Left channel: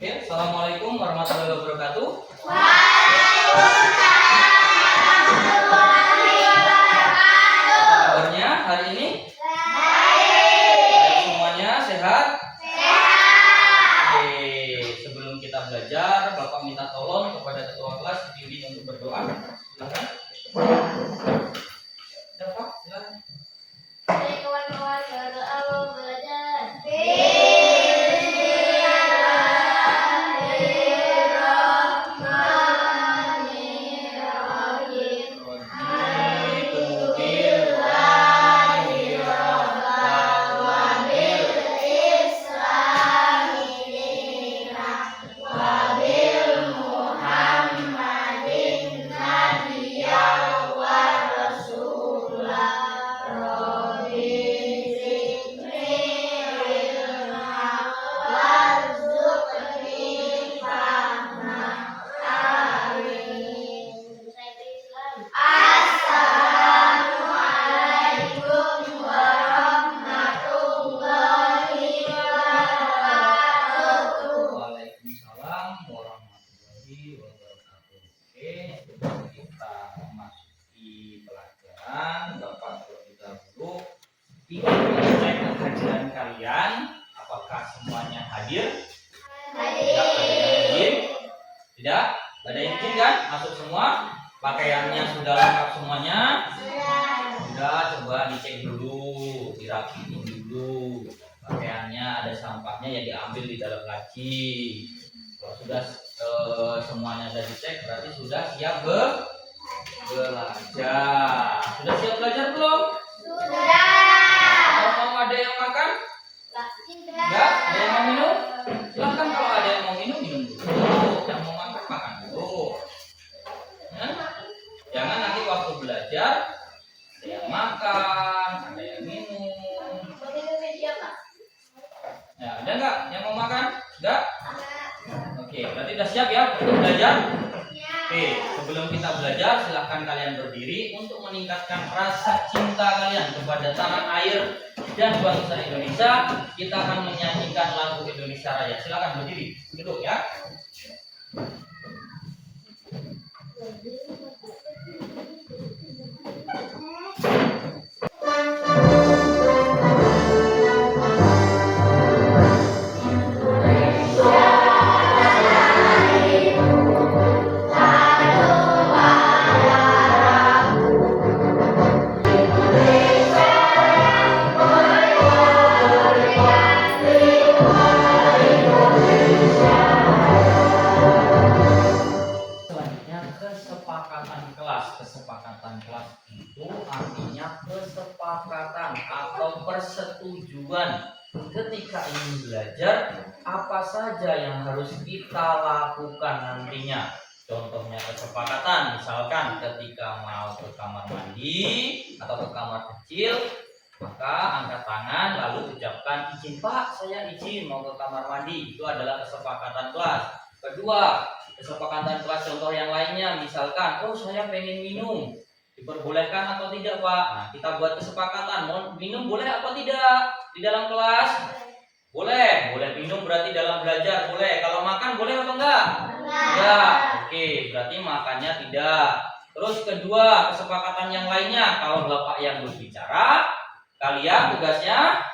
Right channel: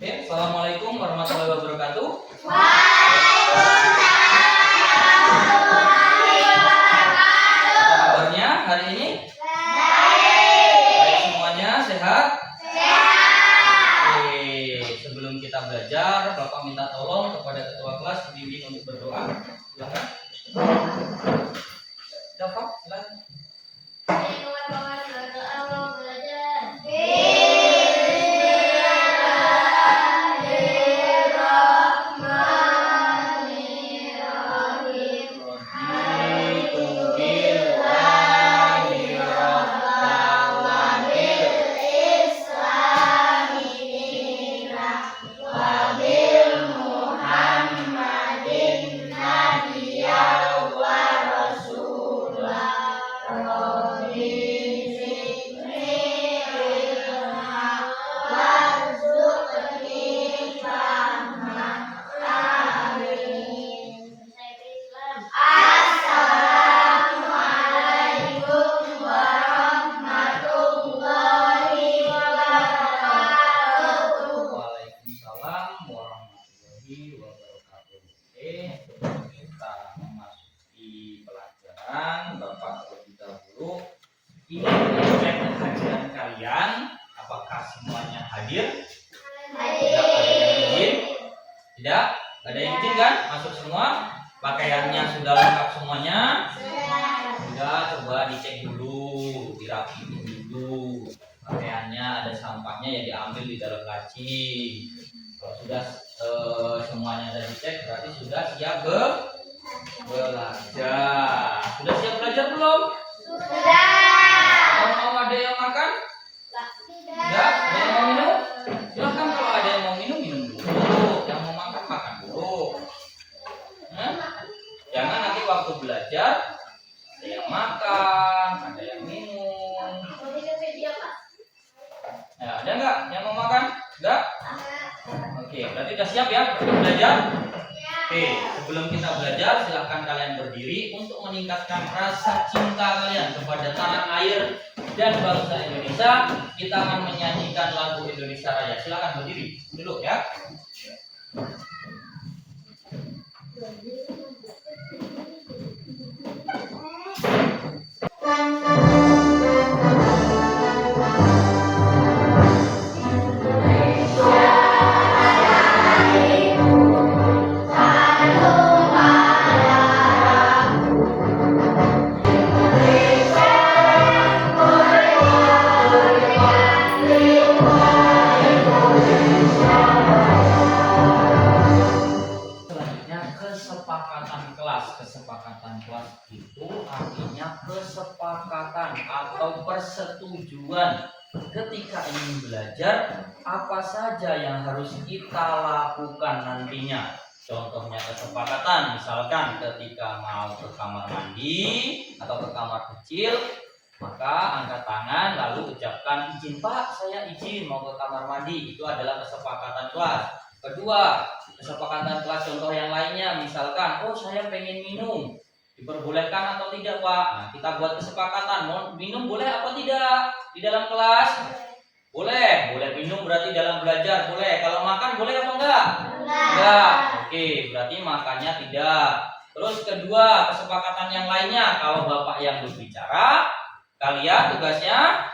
Oke, assalamualaikum warahmatullahi wabarakatuh. Apa kabarnya hari ini? Baik semuanya, sehat? Oke, sebelum kita belajar, Bapak minta tolong kepada ketua kelas dibimbing untuk berdoa. Silakan. Bapak, silakan. Kawan-kawan berdoa mau belajar. Waalaikumsalam warahmatullahi wabarakatuh. Oke, kita memasuki pelajaran. Bapak terlebih dahulu ingin mengecek kehadiran kalian. Apakah semuanya hadir? Tidak ada yang izin? Tidak? Ada yang izin kan? Masuk semua? Pakaiannya sudah lengkap semuanya? Sudah, coba dicek dulu, dirapiin dulu. Pakaiannya ada sampahnya ya diambil di dalam laci. Kalau sudah semuanya sudah dicek berarti sudah siap belajar. Sudah siap belajar belum? Mau ada yang makan? Enggak? Ada yang mau minum? Silahkan, kalau ada yang mau minum, minum dulu. Yang mau makan, makan dulu. Jangan nanti waktu belajar ada yang makan, ada yang minum. Ya, ada nggak yang mau makan? Enggak? Oke, berarti udah siap ya untuk belajar? Oke, sebelum kita belajar silahkan kalian berdiri untuk meningkatkan rasa cinta kalian kepada tanah air dan bangsa Indonesia. Kita akan menyanyikan lagu Indonesia Raya. Silahkan berdiri dulu ya. Kesepakatan kelas itu artinya kesepakatan atau persetujuan ketika ingin belajar apa saja yang harus kita lakukan nantinya. Contohnya kesepakatan, misalkan ketika mau ke kamar mandi atau ke kamar kecil, maka angkat tangan lalu ucapkan izin Pak, saya izin mau ke kamar mandi. Itu adalah kesepakatan kelas. Kedua, kesepakatan kelas contoh yang lainnya, misalkan, oh saya pengen minum, diperbolehkan atau tidak Pak? Nah, kita buat kesepakatan, mau minum boleh apa tidak di dalam kelas? Boleh, boleh minum berarti dalam belajar boleh. Kalau makan boleh apa enggak? Enggak. Oke, berarti makannya tidak. Terus kedua, kesepakatan yang lainnya, kalau Bapak yang berbicara, kalian tugasnya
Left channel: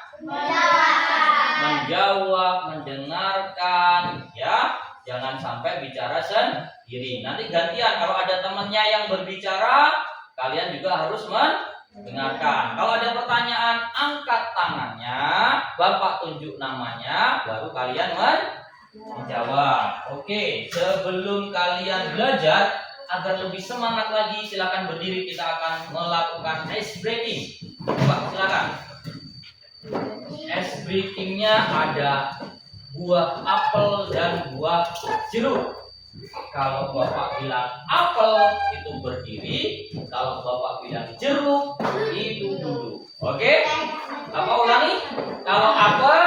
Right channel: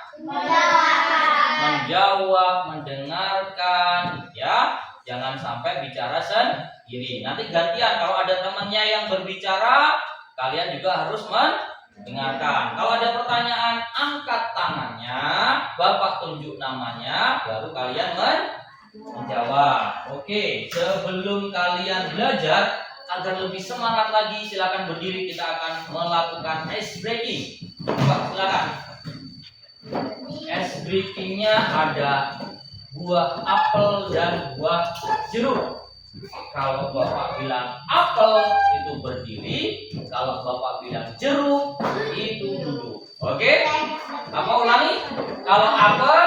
menjawab, mendengarkan, ya. Jangan sampai bicara sendiri. Nanti gantian, kalau ada temannya yang berbicara, kalian juga harus mendengarkan. Kalau ada pertanyaan, angkat tangannya, Bapak tunjuk namanya, baru kalian menjawab. Oke, sebelum kalian belajar, agar lebih semangat lagi, silakan berdiri. Kita akan melakukan ice breaking. Coba silakan. Ice breakingnya ada buah apel dan buah jeruk. Kalau Bapak bilang apel itu berdiri, kalau Bapak bilang jeruk itu duduk. Oke? Apa ulangi? Kalau apel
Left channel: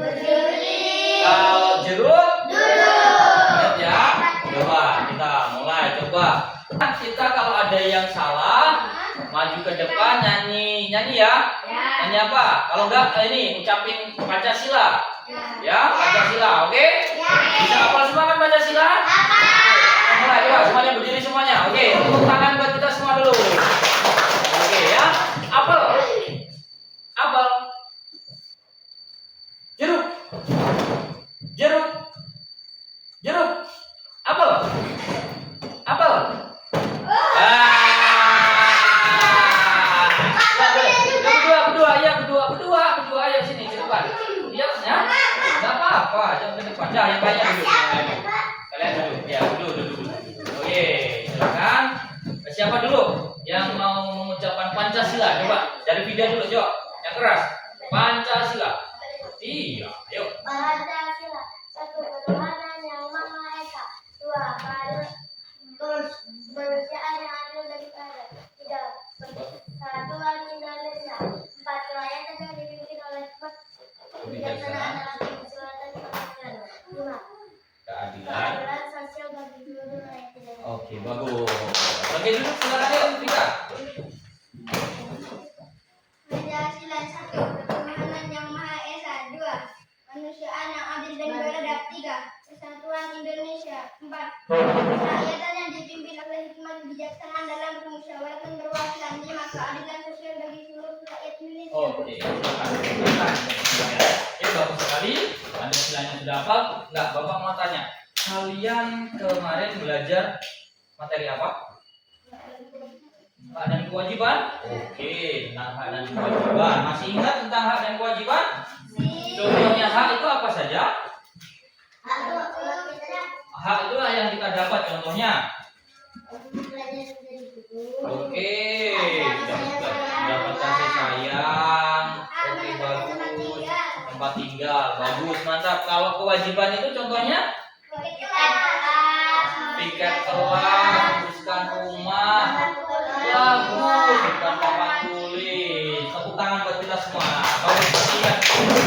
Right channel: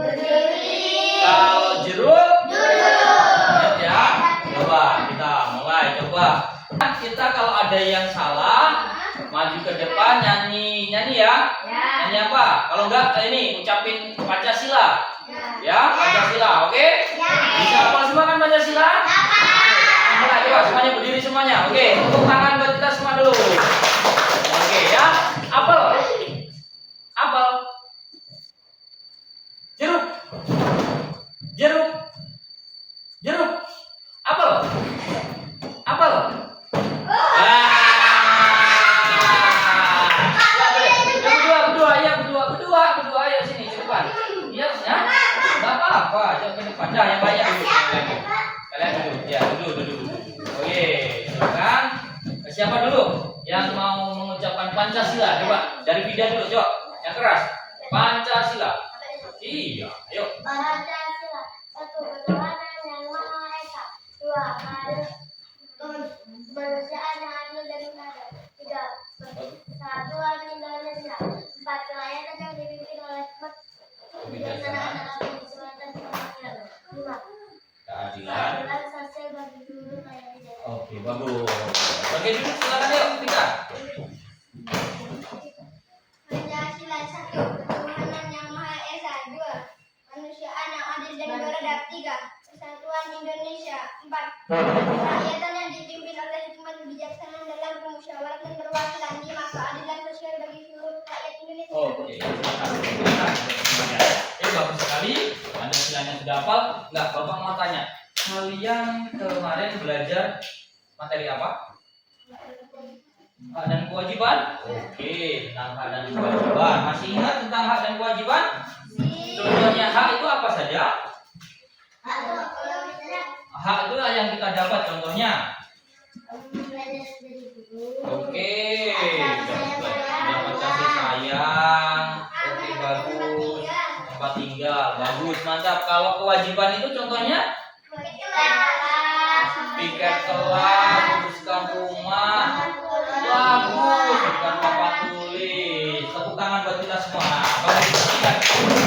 berdiri, kalau jeruk duduk. Ya. Coba kita mulai coba. Kita kalau ada yang salah, maju ke depan nyanyi ya. Nyanyi apa? Kalau enggak ini ucapin Pancasila. Ya, Pancasila, oke? Bisa Pancasila? Mulai coba semuanya berdiri semuanya. Oke, tepuk tangan buat kita semua dulu. Oke ya. Apel. Apel. Jeruk. Jeruk. Jeruk. Apel. Apel. Berdua, ayo sini ke depan. Iya, ya. Enggak apa-apa, jangan ke depan. Dah, yang banyak dulu. Kalian dulu. Ya, dulu. Oke, silakan. Siapa dulu yang mau mengucapkan Pancasila? Coba dari Vida dulu, coba. Yang keras. Pancasila. Iya, ayo. Pancasila, satu ketuhanan yang maha esa, dua kemanusiaan yang adil dan beradab, tiga persatuan Indonesia, empat kerakyatan yang dipimpin oleh kebijaksanaan dalam kedaulatan pemerintahan, lima keadilan sosial bagi seluruh rakyat Indonesia. Oke, bagus. Oke, duduk silakan yuk, Vika. Pancasila, satu ketuhanan yang maha esa, dua kemanusiaan yang adil dan beradab, tiga persatuan Indonesia, empat kerakyatan yang dipimpin oleh hikmat kebijaksanaan dalam permusyawaratan perwakilan, lima keadilan sosial bagi seluruh rakyat Indonesia. Oke, bagus sekali. Pancasilanya sudah hafal? Enggak, Bapak mau tanya. Kalian kemarin belajar materi apa? Hak dan kewajiban? Oke, tentang hak dan kewajiban. Masih ingat tentang hak dan kewajiban? Contohnya hak itu apa saja? Hak itu yang kita dapat contohnya. Oke, dapat kasih sayang. Oke, bagus. Tempat tinggal, bagus, mantap. Kalau kewajiban itu contohnya? Tiket kelas, uruskan rumah. Bagus, bukan papan tulis. Tepuk tangan buat kita semua. Bagus, ingat.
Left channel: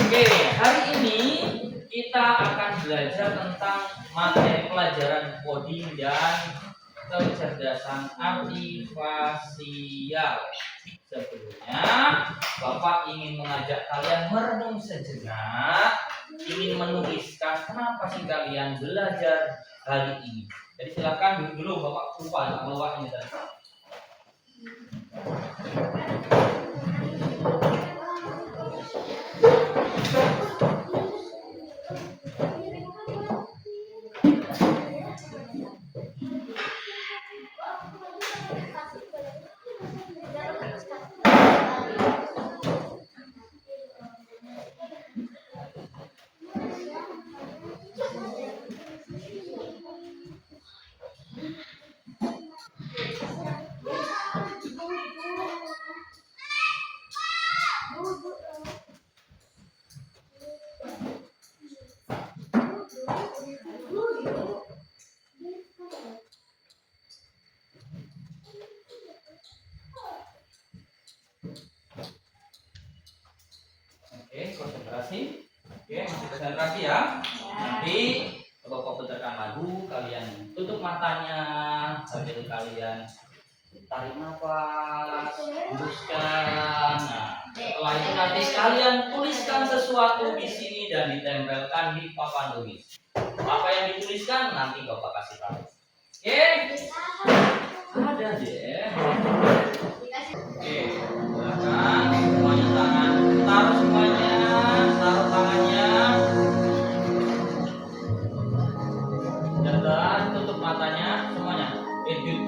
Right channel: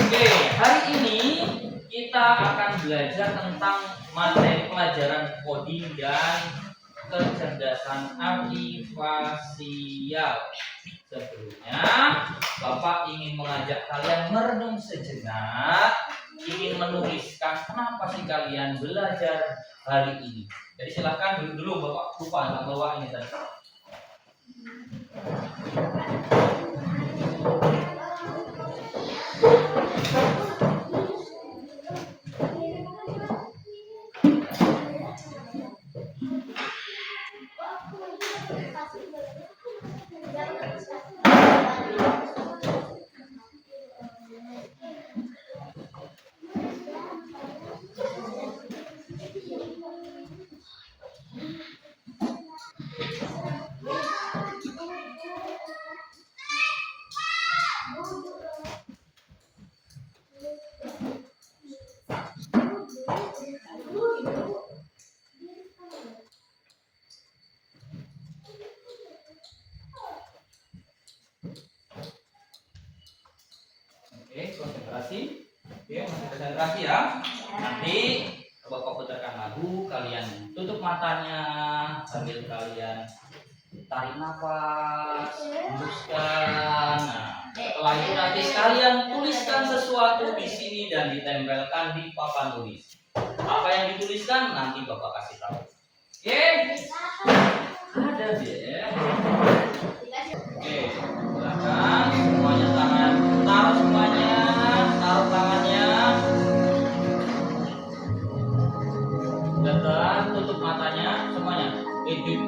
Oke, hari ini kita akan belajar tentang materi pelajaran coding dan kecerdasan artifisial. Sebelumnya, Bapak ingin mengajak kalian merenung sejenak, ingin menuliskan kenapa sih kalian belajar hari ini. Jadi silakan duduk dulu, Bapak lupa nggak bawa ini tadi. Oke, konsentrasi. Oke, masih konsentrasi ya. Nanti Bapak putarkan lagu, kalian tutup matanya sambil kalian tarik nafas, hembuskan. Nah, setelah itu nanti kalian tuliskan sesuatu di sini dan ditempelkan di papan tulis. Apa yang dituliskan nanti Bapak kasih tahu. Oke? Ada ya. Oke, silakan semuanya tangan taruh semuanya, taruh tangannya. Dan tutup matanya semuanya.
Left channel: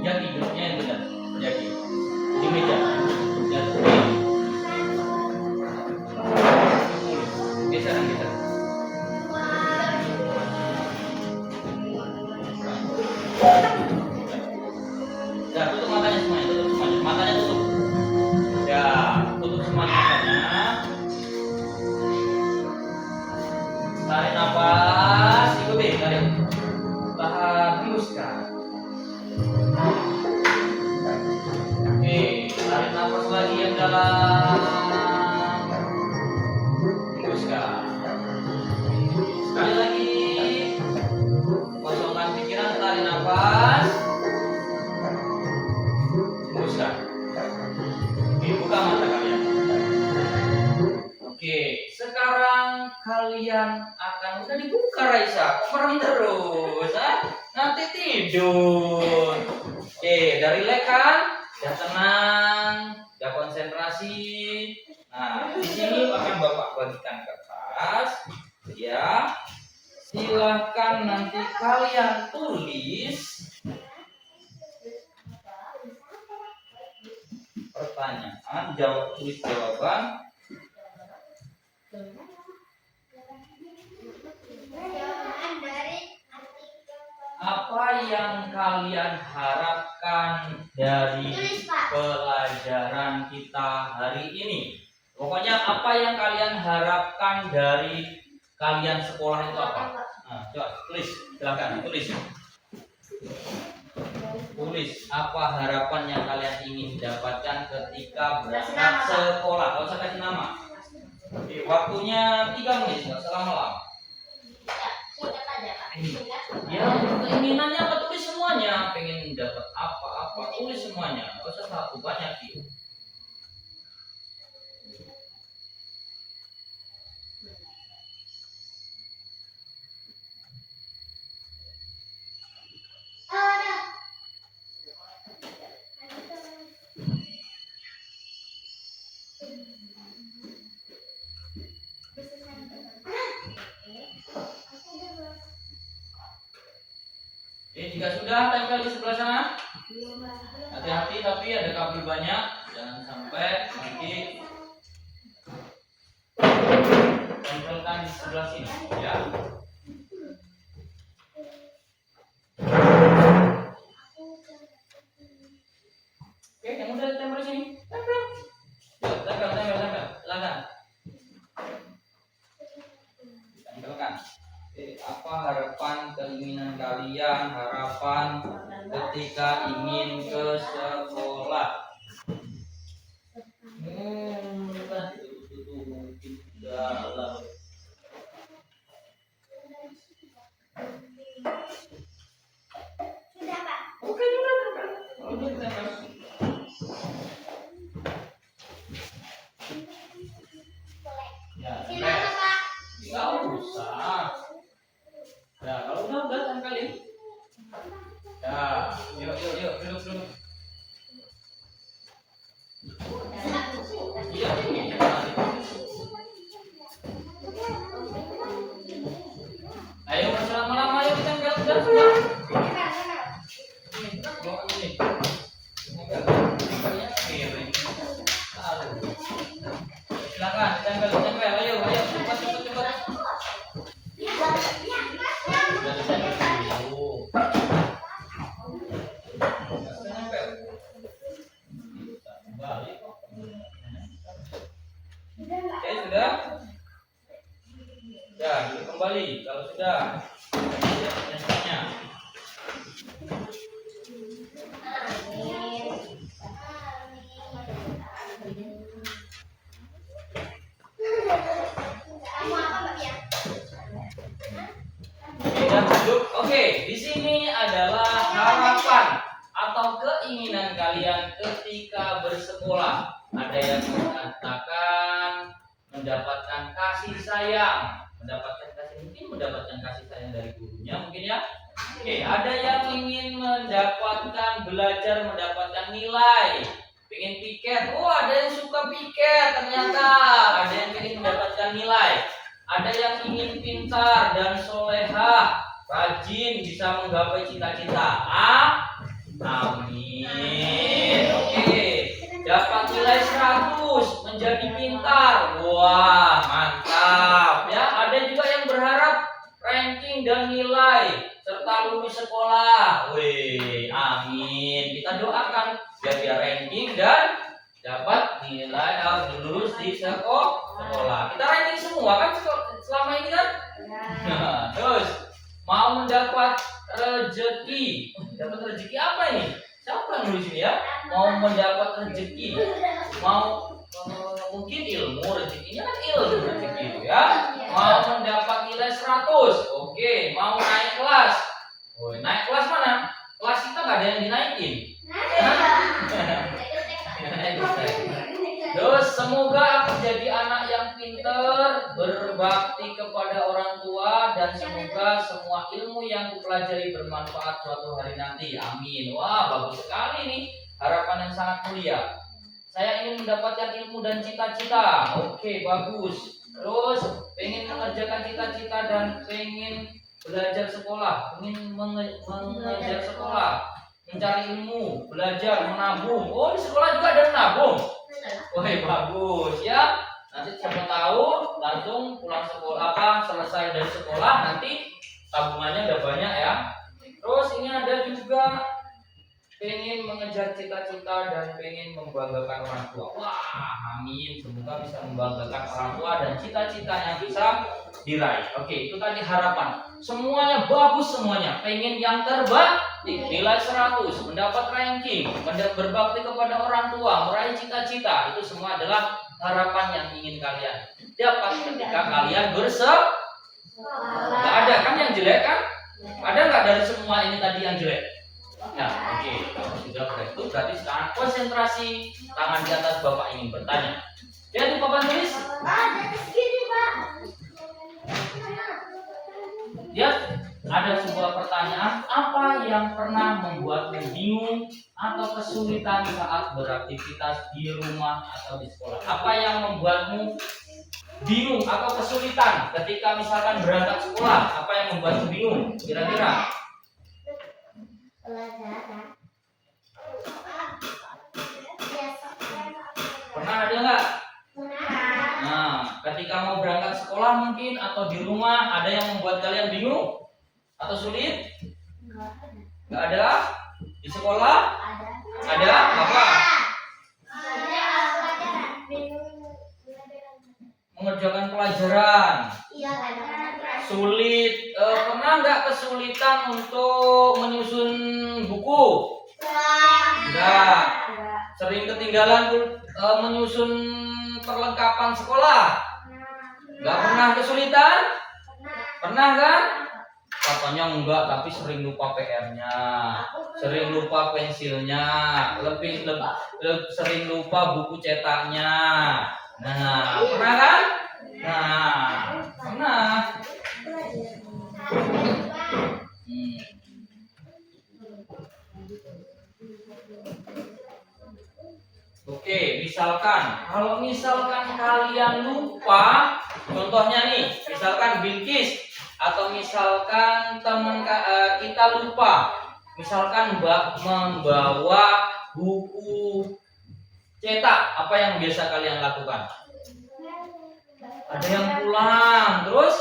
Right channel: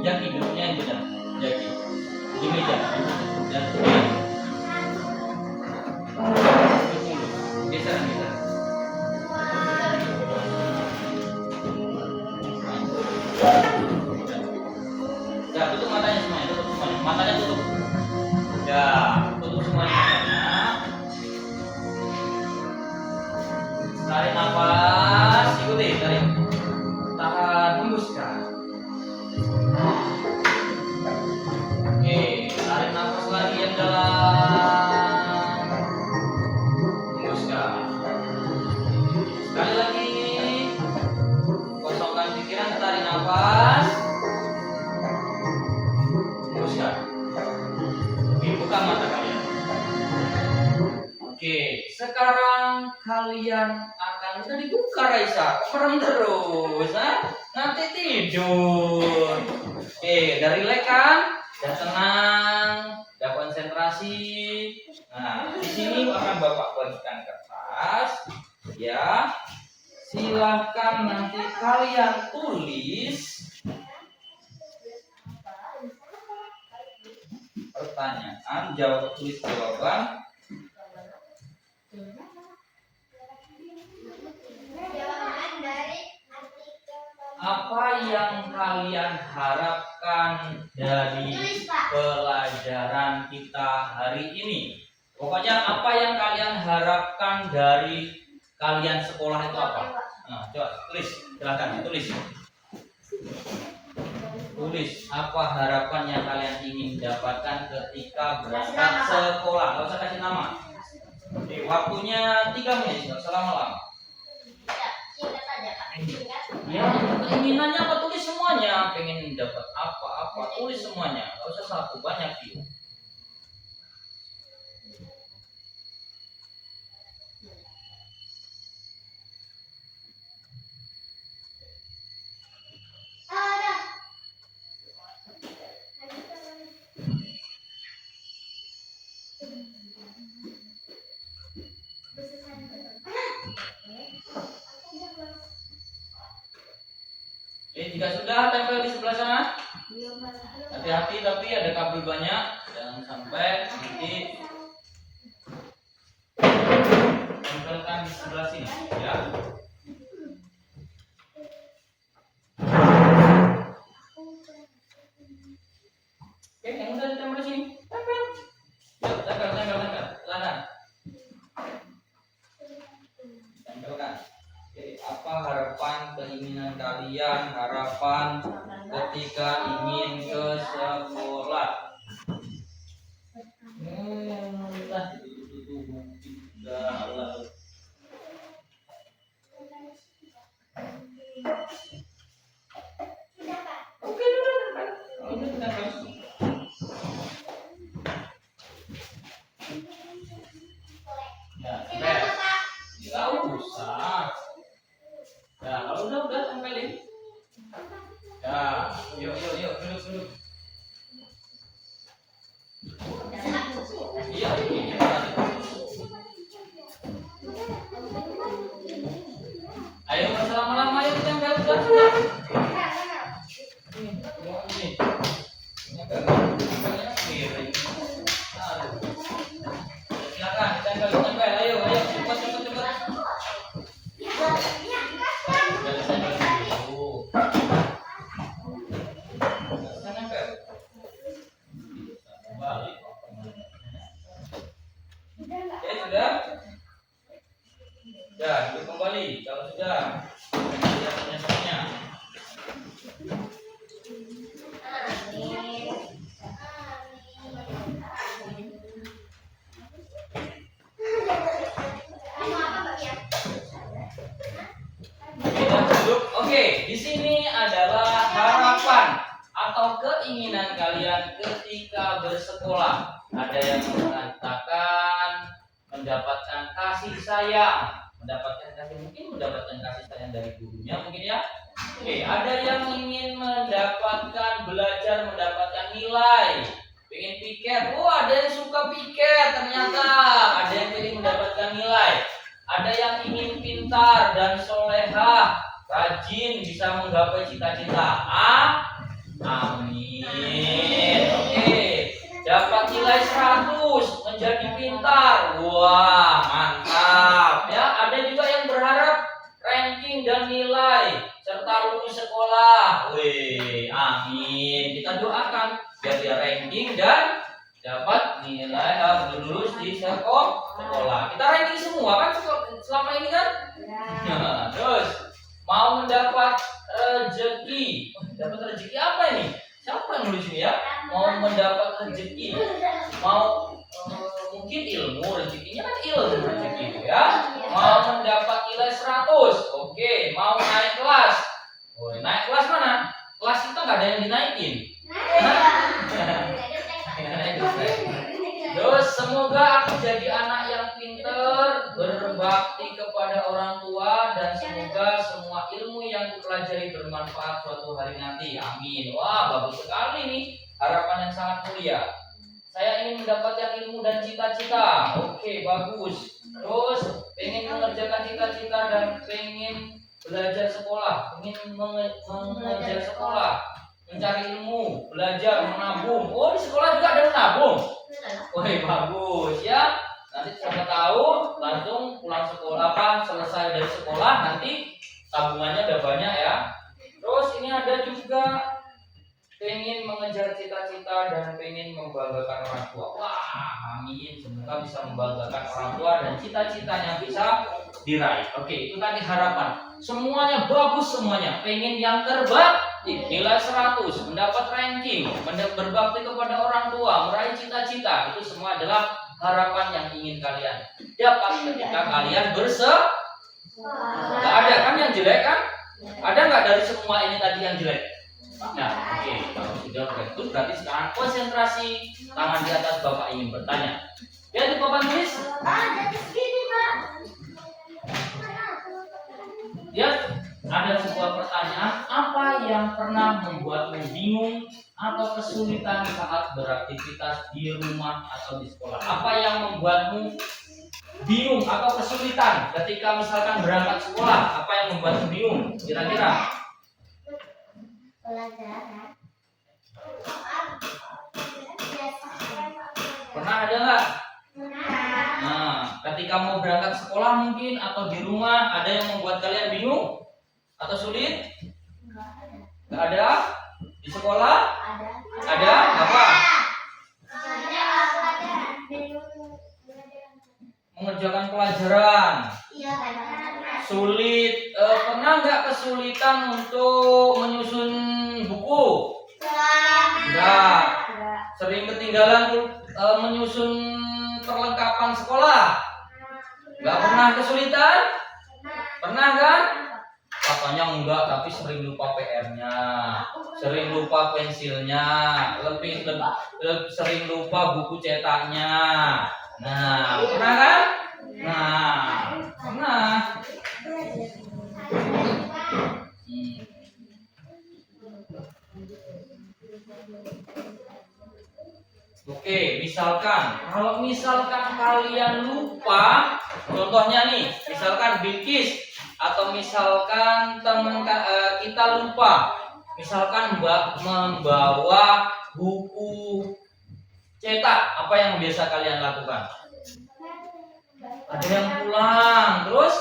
Jaki duduknya yang benar. Jaki di meja. Dan geser. Ya, tutup matanya semuanya, tutup semuanya. Matanya tutup. Ya, tutup semuanya matanya. Tarik nafas, ikuti, tarik. Tahan, hembuskan. Oke, tarik nafas lagi yang dalam. Hembuskan. Sekali lagi. Kosongkan pikiran, tarik nafas. Hembuskan. Oke, buka mata kalian. Oke, sekarang kalian akan udah dibuka Kak Raisa? Kok merem terus? Ha? Nanti tidur. Oke, dari lekan, udah tenang, udah konsentrasi. Nah, di sini akan Bapak bagikan kertas, ya. Silahkan nanti kalian tulis pertanyaan, tulis jawaban. Jawaban dari artikel. Apa yang kalian harapkan dari Tulis, Pak. pelajaran kita hari ini? Pokoknya apa yang kalian harapkan dari kalian sekolah itu apa? Nah, coba tulis, silahkan tulis. Tulis apa harapan yang kalian ingin dapatkan ketika berangkat sekolah. Gak usah kasih nama. Oke, waktunya 3 menit, gak usah lama-lama. Ya, singkat aja, Pak. Singkat. Ya, keinginannya apa, tulis semuanya. Pengen dapat apa-apa, tulis semuanya. Gak usah satu, banyak sih. Ada. Jika sudah tempel di sebelah sana, hati-hati tapi ada kabel banyak, jangan sampai nanti tempelkan di sebelah sini, ya. Oke, yang udah ditempel di sini, tempel. Yuk, tempel, silakan. Tempelkan. Oke, apa harapan, keinginan kalian, harapan ketika ingin ke sekolah? Entah itu mungkin dalam. Sudah, Pak. Oke, udah tempel. Udah tempel. Ya, Gimana, tempel. Pak? Nggak usah. Ya, kalau udah tempelin. Ya, yuk, duduk. Iya, ini. Ayo, nggak usah lama-lama, ayo tempel sudah. Ini. Tempelnya miring. Aduh. Silakan, tempel. Ayo, cepat. Udah ditempel dulu. Nggak nempel. Balik. Oke, sudah? Ya, duduk kembali. Kalau sudah, lihat nempelnya. Kamu apa, Mbak ya? Oke, dan duduk. Oke, di sini adalah harapan atau keinginan kalian ketika bersekolah. Ada yang mengatakan mendapatkan kasih sayang, mendapatkan kasih sayang dari gurunya mungkin ya. Oke, ada yang ingin mendapatkan nilai, pengen piket. Oh, ada yang suka piket ternyata. Ada yang ingin mendapatkan nilai. Ada yang ingin pintar dan solehah, rajin, bisa menggapai cita-cita. Amin. Oke. Dapat nilai 100, menjadi pintar. Wah, mantap. Ya, ada juga yang berharap ranking dan nilai serta lulus sekolah. Wih, amin. Kita doakan biar dia ranking dan dapat nilai lulus di sekolah. Kita ranking semua kan selama ini kan? Nah, terus mau mendapat rezeki. Dapat rezeki apa ini? Siapa yang nulis ini ya? Mau mendapat rezeki, mau mungkin ilmu, rezekinya kan ilmu rezeki itu ya. Mau mendapat nilai 100, oke. Mau naik kelas, naik kelas mana? Kelas kita nggak ada yang dinaikin. Terus semoga aku jadi anak yang pintar, berbakti kepada orang tua, dan semoga semua ilmu yang kupelajari bermanfaat suatu hari nanti. Amin. Wah, bagus sekali nih. Harapan yang sangat mulia. Saya ingin mendapatkan ilmu dan cita-cita. Oke, bagus. Terus pengen mengerjakan cita-cita dan pengen belajar sekolah, pengen mengejar sekolah, mencari ilmu, belajar, menabung. Oh, di sekolah juga ada menabung. Woi, bagus ya. Nanti siapa tahu langsung pulang sekolah selesai dari sekolah nanti tabungannya udah banyak ya. Terus ini ada juga pengen mengejar cita-cita dan pengen membanggakan orang tua. Wah, amin. Semoga bisa membanggakan orang tua dan cita-citanya bisa diraih. Oke, itu tadi harapan. Semuanya bagus semuanya. Pengen yang terbaik, nilai 100, mendapat ranking, berbakti kepada orang tua, meraih cita-cita. Itu semua adalah harapan yang ingin kalian dapat ketika kalian bersekolah. Gak ada kan yang jelek kan? Ada nggak dari semua ini tadi yang jelek? Nah, oke, kalau sudah begitu berarti sekarang konsentrasi, tangan di atas Bapak ingin bertanya. Jadi Bapak tulis. Jadi segini, Pak. Ya, ada sebuah pertanyaan, apa yang pernah membuatmu bingung atau kesulitan saat beraktivitas di rumah atau di sekolah? Apa yang membuatmu bingung atau kesulitan ketika misalkan berangkat sekolah? Apa yang membuatmu bingung? Kira-kira? Pelajaran. Pernah ada nggak? Nah, ketika mau berangkat sekolah mungkin atau di rumah ada yang membuat kalian bingung atau sulit? Nggak ada? Di sekolah? Ada? Apa? Mengerjakan pelajaran. Sulit. Pernah nggak kesulitan untuk menyusun buku? Enggak. Sering ketinggalan menyusun perlengkapan sekolah? Nggak pernah kesulitan? Pernah kan? Katanya enggak, tapi sering lupa PR-nya, sering lupa pensilnya, lebih sering lupa buku cetaknya. Nah, pernah kan? Nah, pernah. Oke, kalau misalkan kalian lupa, contohnya nih, misalkan Bilkis atau misalkan teman kita lupa, misalkan membawa buku cetak, apa yang biasa kalian lakukan? Ada yang pulang, terus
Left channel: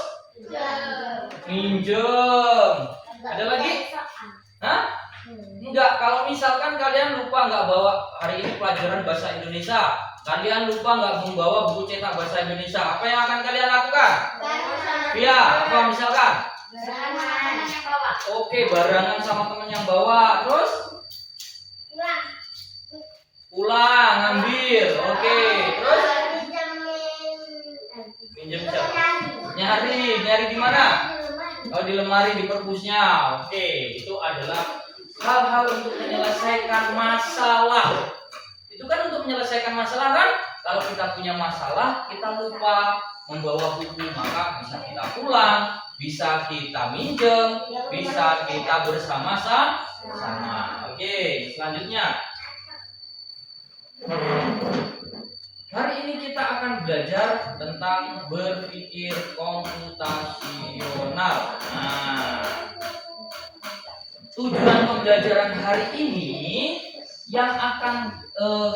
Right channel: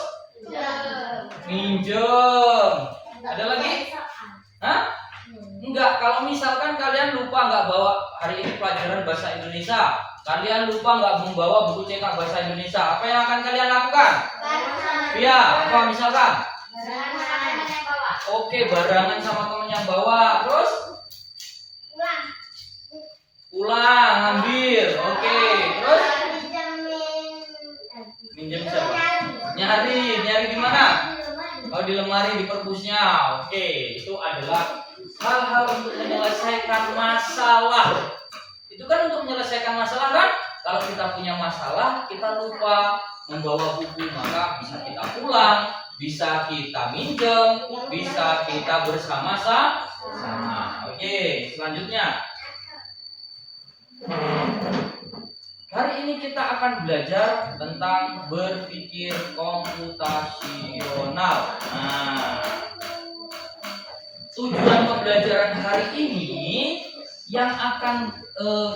minjem. Ada lagi? Hah? Enggak, kalau misalkan kalian lupa nggak bawa hari ini pelajaran bahasa Indonesia, kalian lupa nggak membawa buku cetak bahasa Indonesia, apa yang akan kalian lakukan? Iya, apa misalkan? Oke, barengan sama temen yang bawa, terus pulang ngambil. Oke, terus minjem siapa? Nyari di mana? Oh, di lemari, di perpusnya. Oke, itu adalah hal-hal untuk menyelesaikan masalah. Itu kan untuk menyelesaikan masalah kan? Kalau kita punya masalah, kita lupa membawa buku, maka bisa kita pulang, bisa kita minjem, bisa kita bersama-sama. Oke, selanjutnya. Hari ini kita akan belajar tentang berpikir komputasional. Nah, tujuan pembelajaran hari ini yang akan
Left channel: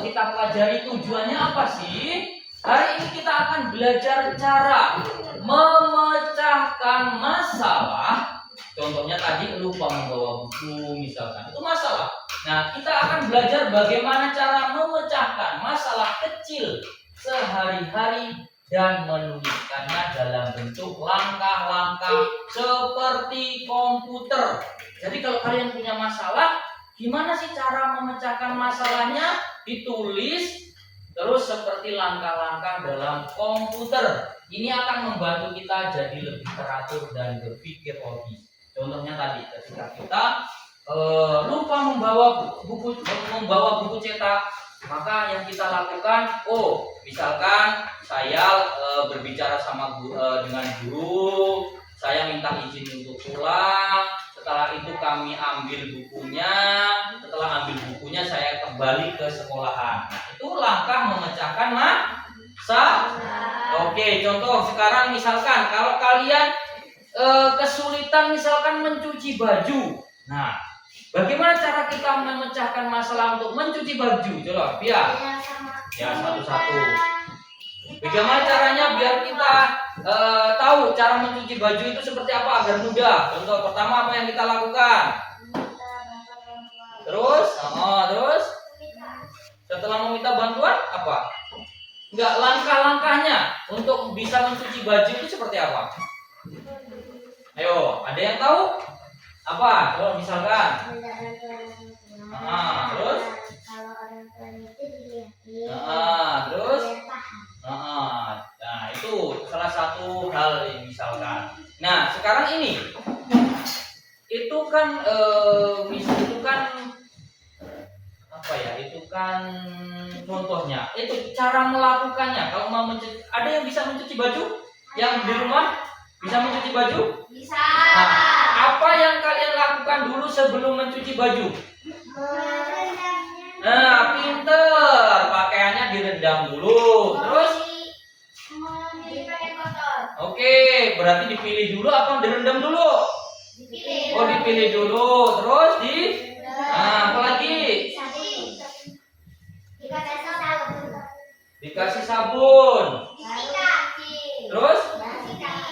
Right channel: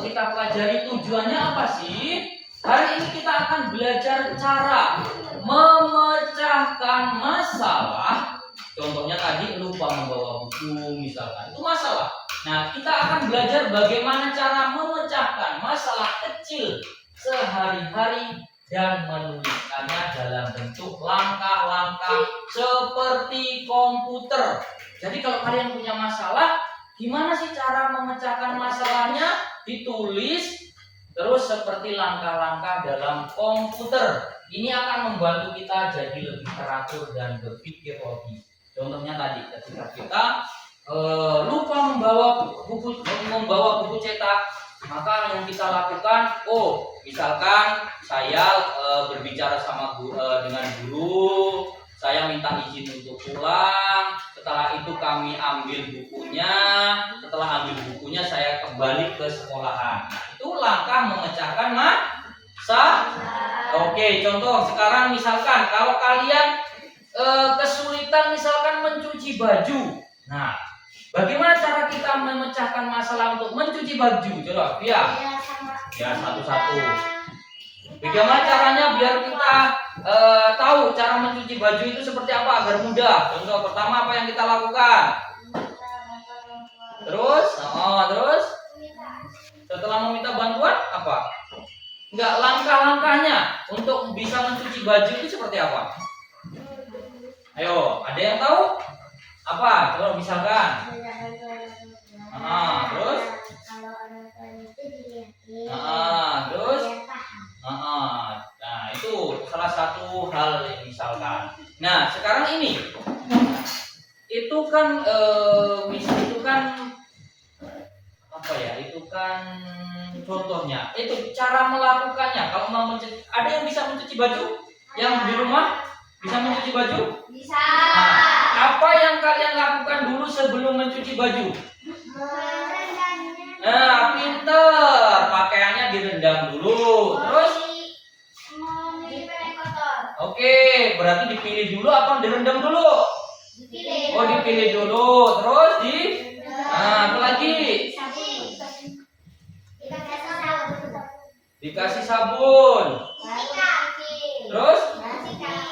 kita pelajari tujuannya apa sih? Hari ini kita akan belajar cara memecahkan masalah. Contohnya tadi lupa membawa buku misalkan, itu masalah. Nah, kita akan belajar bagaimana cara memecahkan masalah kecil sehari-hari dan menuliskannya dalam bentuk langkah-langkah seperti komputer. Jadi kalau kalian punya masalah, gimana sih cara memecahkan masalahnya? Ditulis terus seperti langkah-langkah dalam komputer. Ini akan membantu kita jadi lebih teratur dan berpikir logis. Contohnya tadi ketika kita lupa membawa buku cetak, maka yang kita lakukan, misalkan saya berbicara dengan guru, saya minta izin untuk pulang. Setelah itu kami ambil bukunya. Setelah ambil bukunya saya kembali ke sekolahan. Nah, itu langkah memecahkan masalah. Oke, contoh sekarang misalkan kalau kalian kesulitan misalkan mencuci baju. Nah, bagaimana cara kita memecahkan masalah untuk mencuci baju? Coba, Pia. Ya, satu-satu. Bagaimana caranya biar kita tahu cara mencuci baju itu seperti apa agar mudah? Contoh pertama apa yang kita lakukan? Terus setelah meminta bantuan apa? Enggak, langkah-langkahnya untuk bisa mencuci baju itu seperti apa? Ayo, ada yang tahu? Apa? Coba misalkan. Terus? Terus? Nah, itu salah satu hal yang misalkan. Nah, sekarang ini itu kan apa ya? Itu kan contohnya. Itu cara melakukannya. Kalau mau ada yang bisa mencuci baju? Yang di rumah bisa mencuci baju? Bisa. Nah, apa yang kalian lakukan dulu sebelum mencuci baju? Nah, pinter. Pakaiannya direndam dulu. Terus? Oke, berarti dipilih dulu apa direndam dulu? Dipilih. Oh, dipilih dulu. Terus apa lagi? Dikasih sabun. Terus?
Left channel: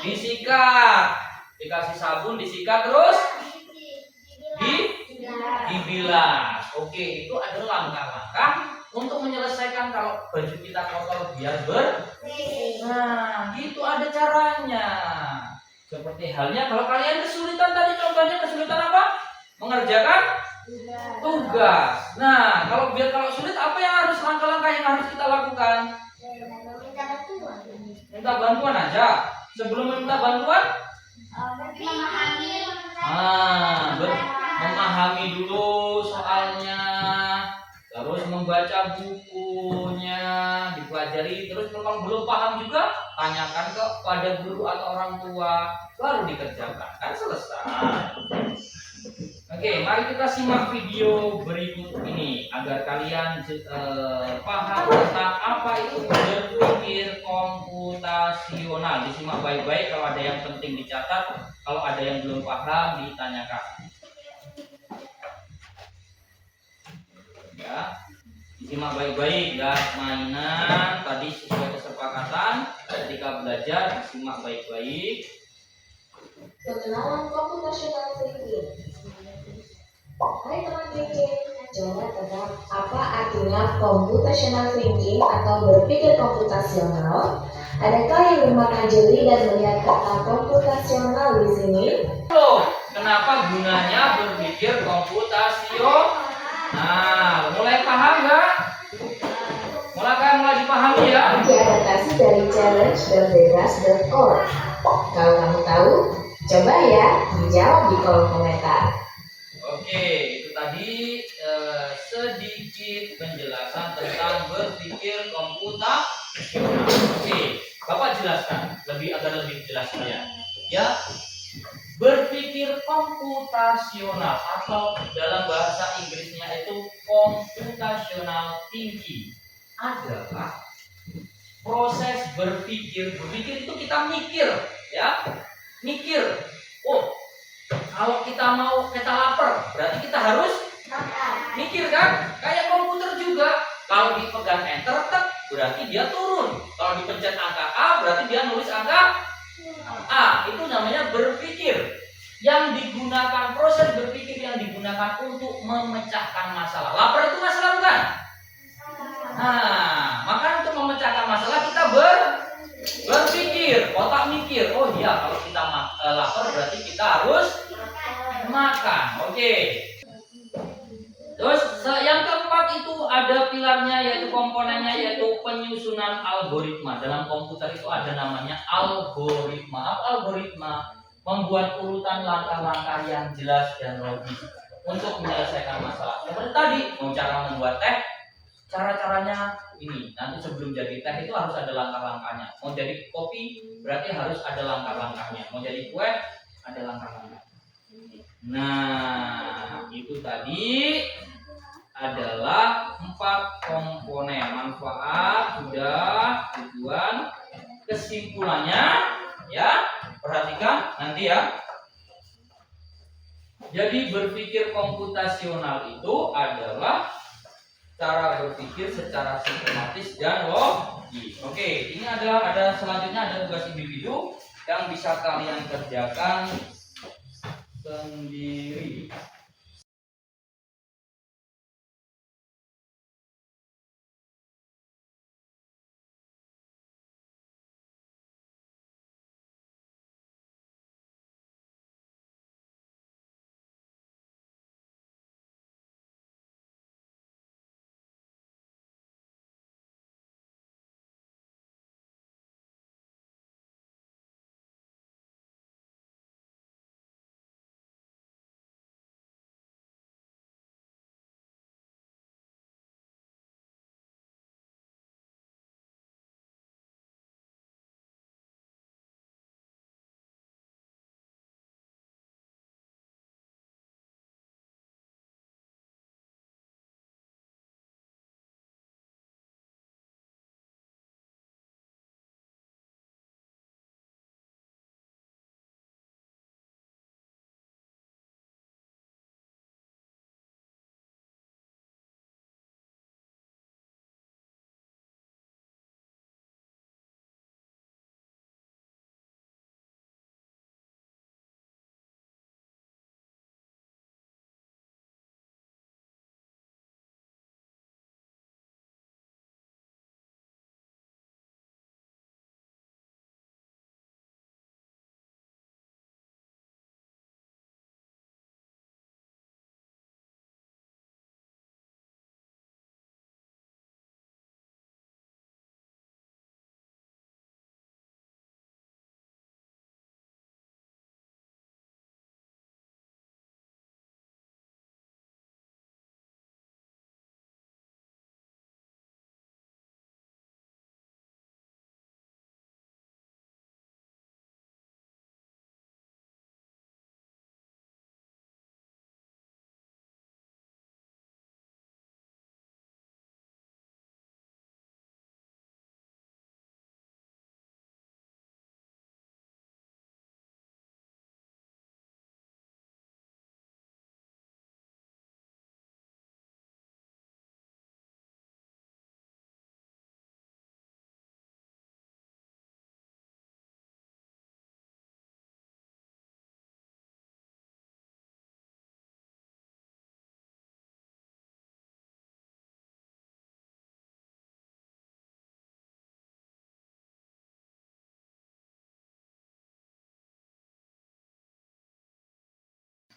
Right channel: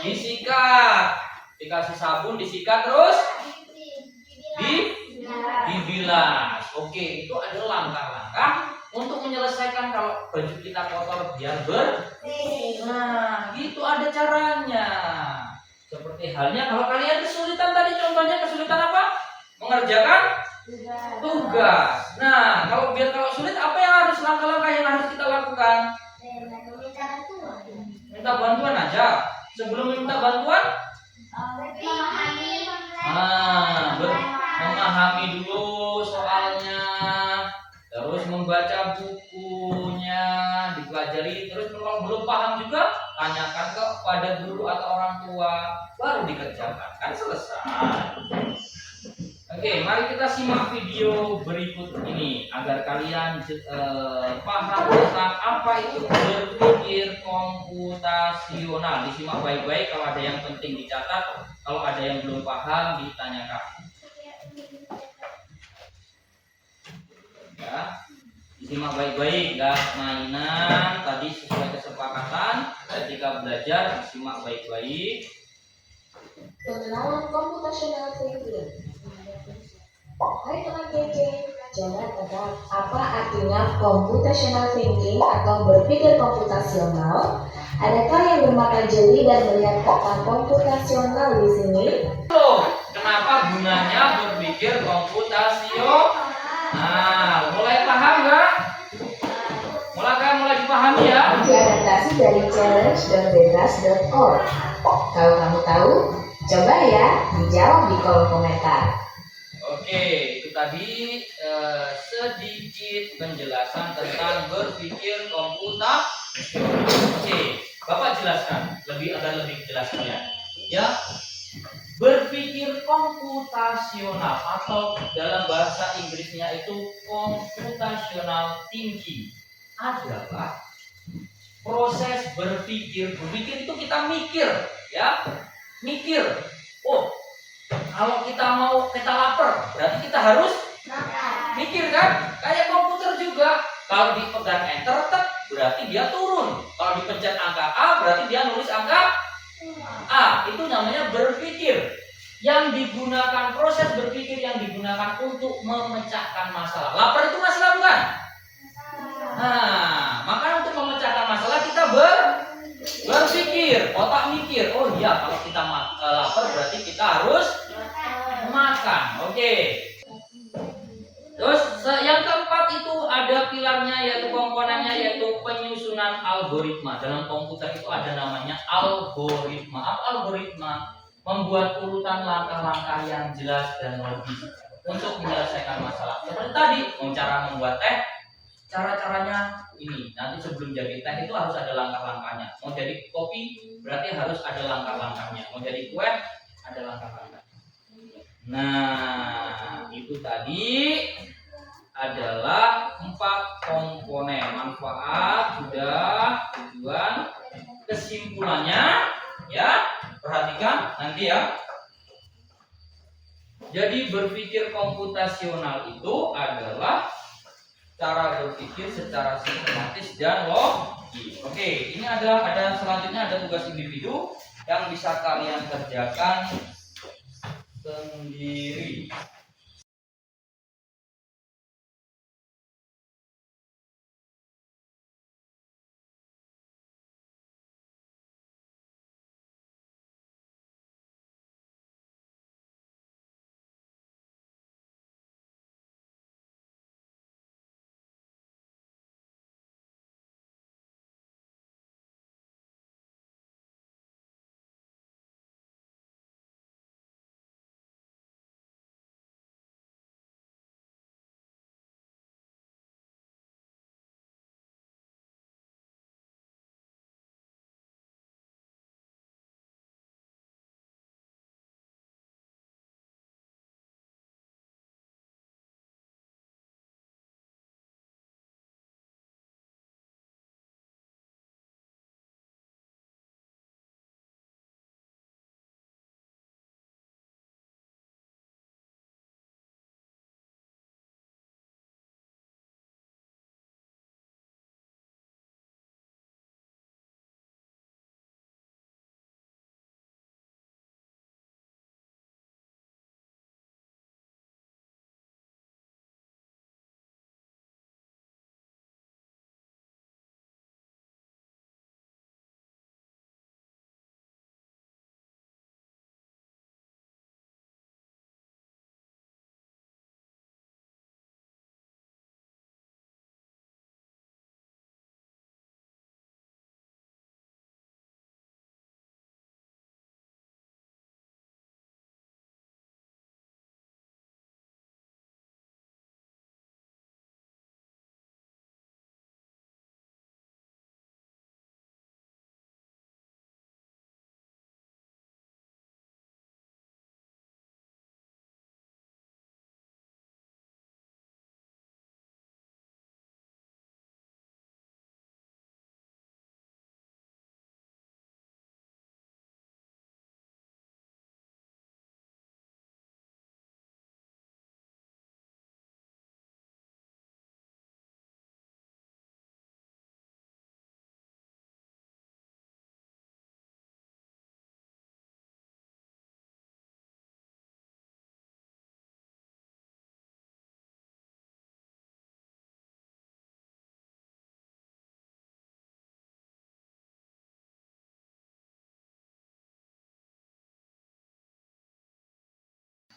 Disikat. Dikasih sabun, disikat, terus dibilas. Oke, itu adalah langkah-langkah untuk menyelesaikan kalau baju kita kotor biar bersih. Nah, gitu ada caranya. Seperti halnya kalau kalian kesulitan tadi, contohnya kesulitan apa? Mengerjakan tugas. Nah, kalau sulit apa yang harus langkah-langkah yang harus kita lakukan? Minta bantuan aja. Sebelum meminta bantuan, memahami dulu soalnya, terus membaca bukunya, dipelajari, terus kalau belum paham juga tanyakan kepada guru atau orang tua, baru dikerjakan, kan selesai. Oke, mari kita simak video berikut ini agar kalian paham tentang apa itu berpikir komputasional. Disimak baik-baik, kalau ada yang penting dicatat, kalau ada yang belum paham ditanyakan. Ya, disimak baik-baik, ya. Mainan tadi sesuai kesepakatan ketika belajar, disimak baik-baik. Pengenalan computational thinking. Hai teman kece, jangan tebak apa artinya computational thinking atau berpikir komputasional? Adakah yang bermata jeli dan melihat kata komputasional di sini? Kenapa gunanya berpikir komputasional? Nah, mulai paham nggak? Mulai dipahami ya? Diadaptasi dari challenge.bebas.org. Kalau kamu tahu, coba ya dijawab di kolom komentar. Oke, itu tadi sedikit penjelasan tentang berpikir komputasional. Oke, Bapak jelaskan agar lebih jelas ya. Berpikir komputasional atau dalam bahasa Inggrisnya itu computational thinking adalah proses berpikir. Berpikir itu kita mikir, ya. Mikir. Oh, kalau kita lapar, berarti kita harus mikir kan? Kayak komputer juga. Kalau dipegang enter, berarti dia turun. Kalau dipencet angka A, berarti dia nulis angka A. Itu namanya berpikir. Yang digunakan, proses berpikir yang digunakan untuk memecahkan masalah. Lapar itu masalah bukan? Nah, maka untuk memecahkan masalah kita berpikir, otak mikir. Oh iya, kalau kita lapar berarti kita harus makan. Oke. Terus yang keempat itu ada pilarnya, yaitu komponennya, yaitu penyusunan algoritma. Dalam komputer itu ada namanya algoritma. Apa algoritma? Membuat urutan langkah-langkah yang jelas dan logis untuk menyelesaikan masalah. Seperti tadi, cara membuat teh, cara-caranya ini. Nanti sebelum jadi teh itu harus ada langkah-langkahnya. Mau jadi kopi berarti harus ada langkah-langkahnya. Mau jadi kue ada langkah-langkahnya. Nah, itu tadi adalah 4 komponen. Manfaat sudah, tujuan, kesimpulannya ya. Perhatikan nanti ya. Jadi berpikir komputasional itu adalah cara berpikir secara sistematis dan logis. Oke, ini adalah selanjutnya ada tugas individu yang bisa kalian kerjakan sendiri.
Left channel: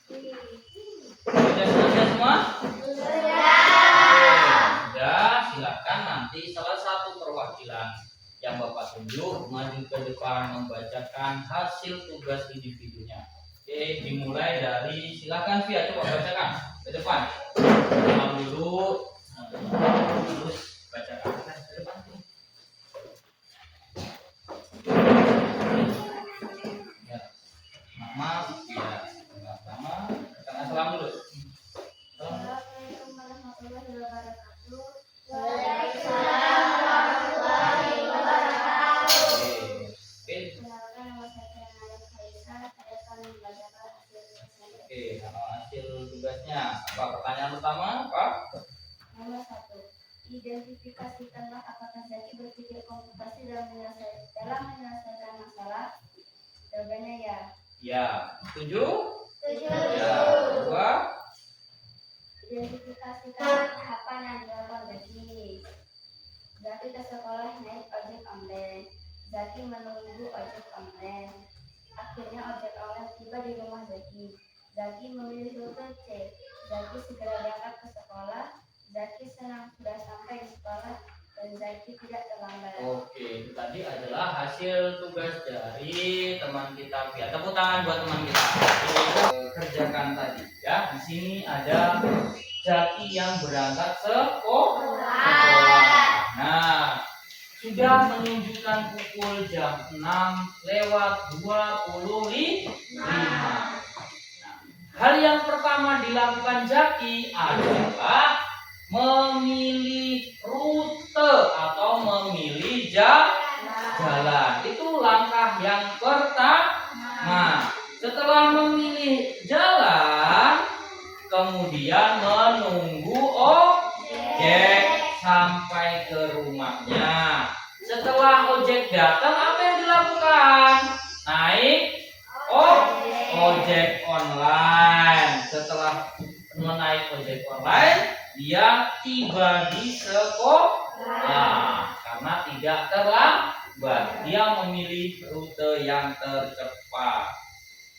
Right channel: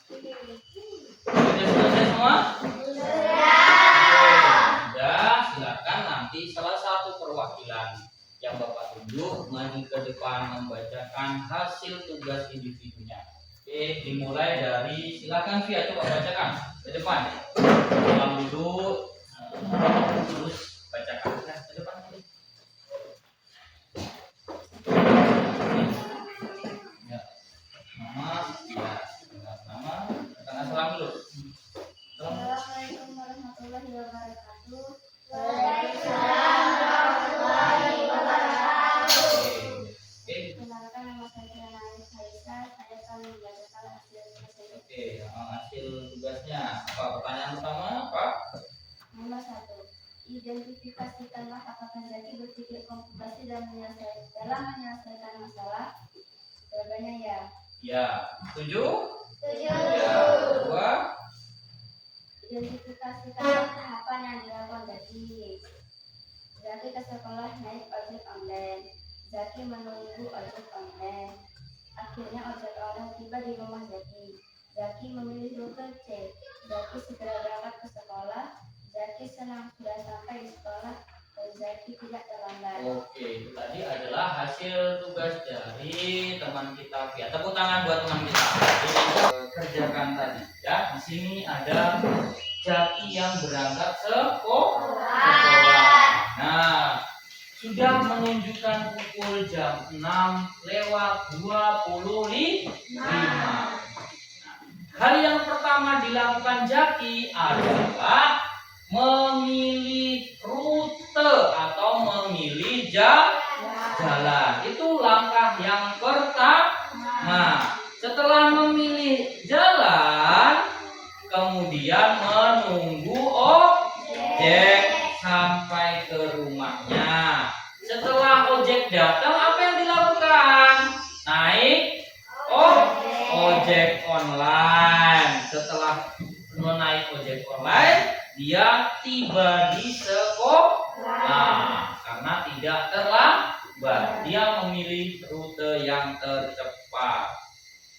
Sudah selesai semua? Sudah, silakan nanti salah satu perwakilan yang Bapak tunjuk maju ke depan membacakan hasil tugas individunya. Oke, dimulai dari silakan Via, coba bacakan ke depan. Salam dulu, terus bacakan ke depan. Ya, maaf, ya, sama, katakan salam dulu. Assalamualaikum warahmatullahi wabarakatuh. Waalaikumsalam warahmatullahi wabarakatuh. Oke. Perkenalkan, nama saya Naif Haisa. Saya akan membacakan hasil tugasnya. Oke, hasil tugasnya apa? Pertanyaan pertama apa? Nomor 1. Identifikasikanlah apakah Zaki berpikir komputasi dalam menyelesaikan masalah. Jawabannya ya. Ya, setuju? Setuju. Ya, dua. Identifikasikan tahapan yang dilakukan Zaki. Zaki ke sekolah naik ojek online. Zaki menunggu ojek online. Akhirnya ojek online tiba di rumah Zaki. Zaki memilih rute C. Zaki segera berangkat ke sekolah. Zaki senang sudah sampai di sekolah dan Zaki tidak terlambat. Oke, itu tadi adalah hasil tugas dari teman kita Via. Tepuk tangan buat teman kita. Kerjakan tadi ya. Di sini ada Zaki yang berangkat sekolah. Nah, sudah menunjukkan pukul jam 6:25. Hal yang pertama dilakukan Jaki adalah memilih rute atau memilih jalan. Itu langkah yang pertama. Setelah memilih jalan, kemudian menunggu ojek sampai ke rumahnya. Setelah ojek datang, apa yang dilakukan? Naik ojek online. Setelah menaik ojek online, dia tiba di sekolah karena tidak terlambat. Dia memilih rute yang tercepat.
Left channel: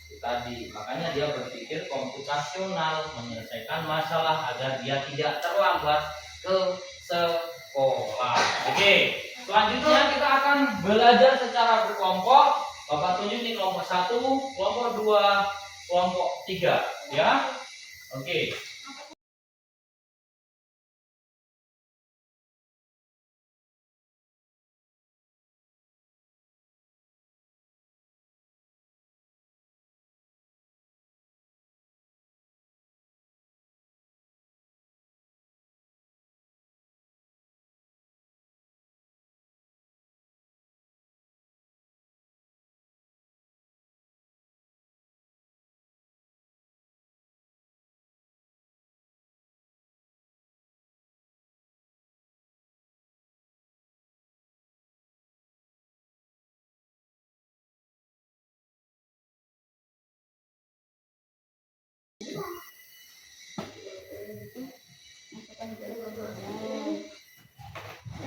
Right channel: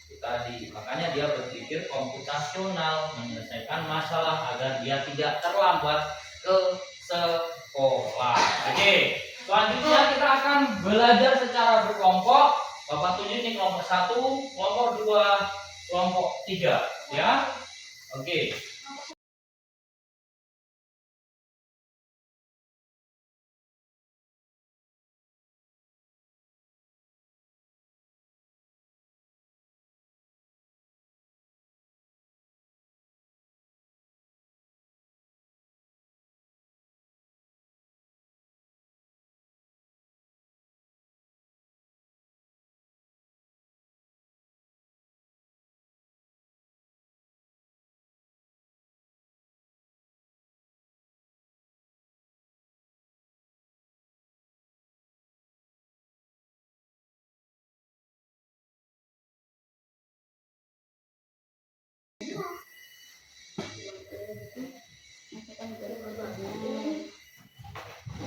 Itu tadi, makanya dia berpikir komputasional, menyelesaikan masalah agar dia tidak terlambat ke sekolah. Oke, selanjutnya kita akan belajar secara berkelompok. Bapak tunjuk nih kelompok 1, kelompok 2, kelompok 3, ya. Oke.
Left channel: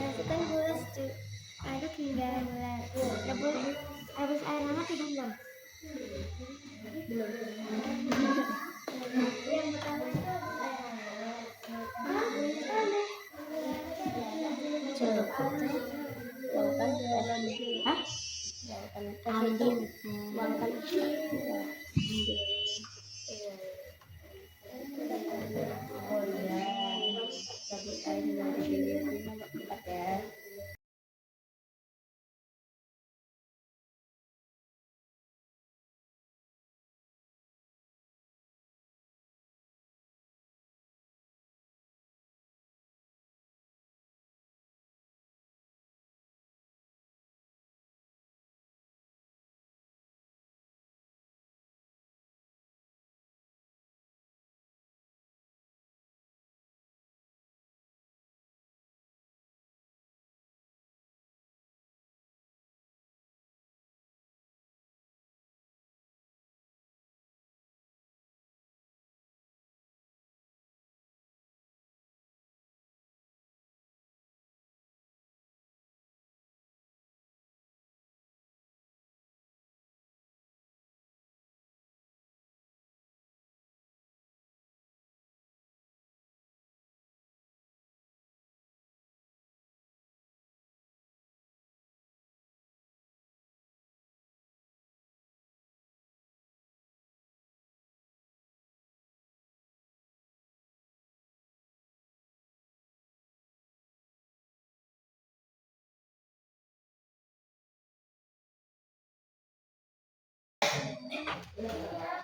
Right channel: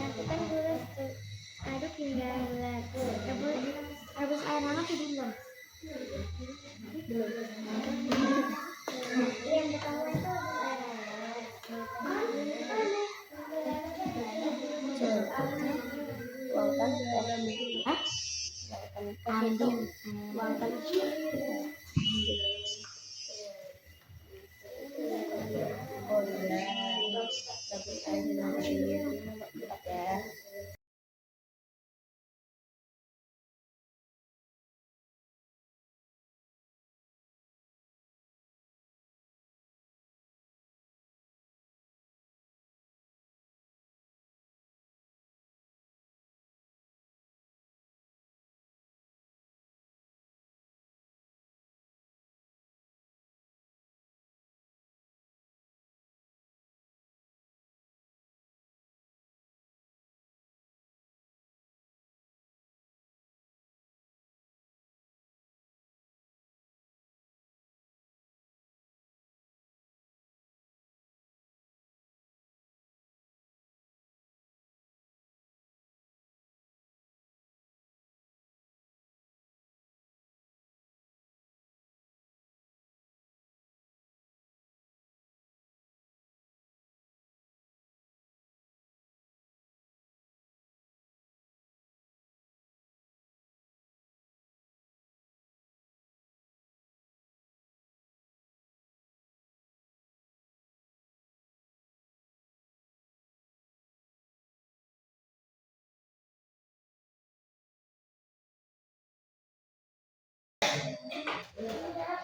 Masukkan gula aduk hingga melar. Rebus air hangat sudah belum? Belum. Yang pertama itu rebus air hangat. Tuangkan dalam ambil. Tuangkan. Oh iya. Rebus air dengan sini nomor 4 ya.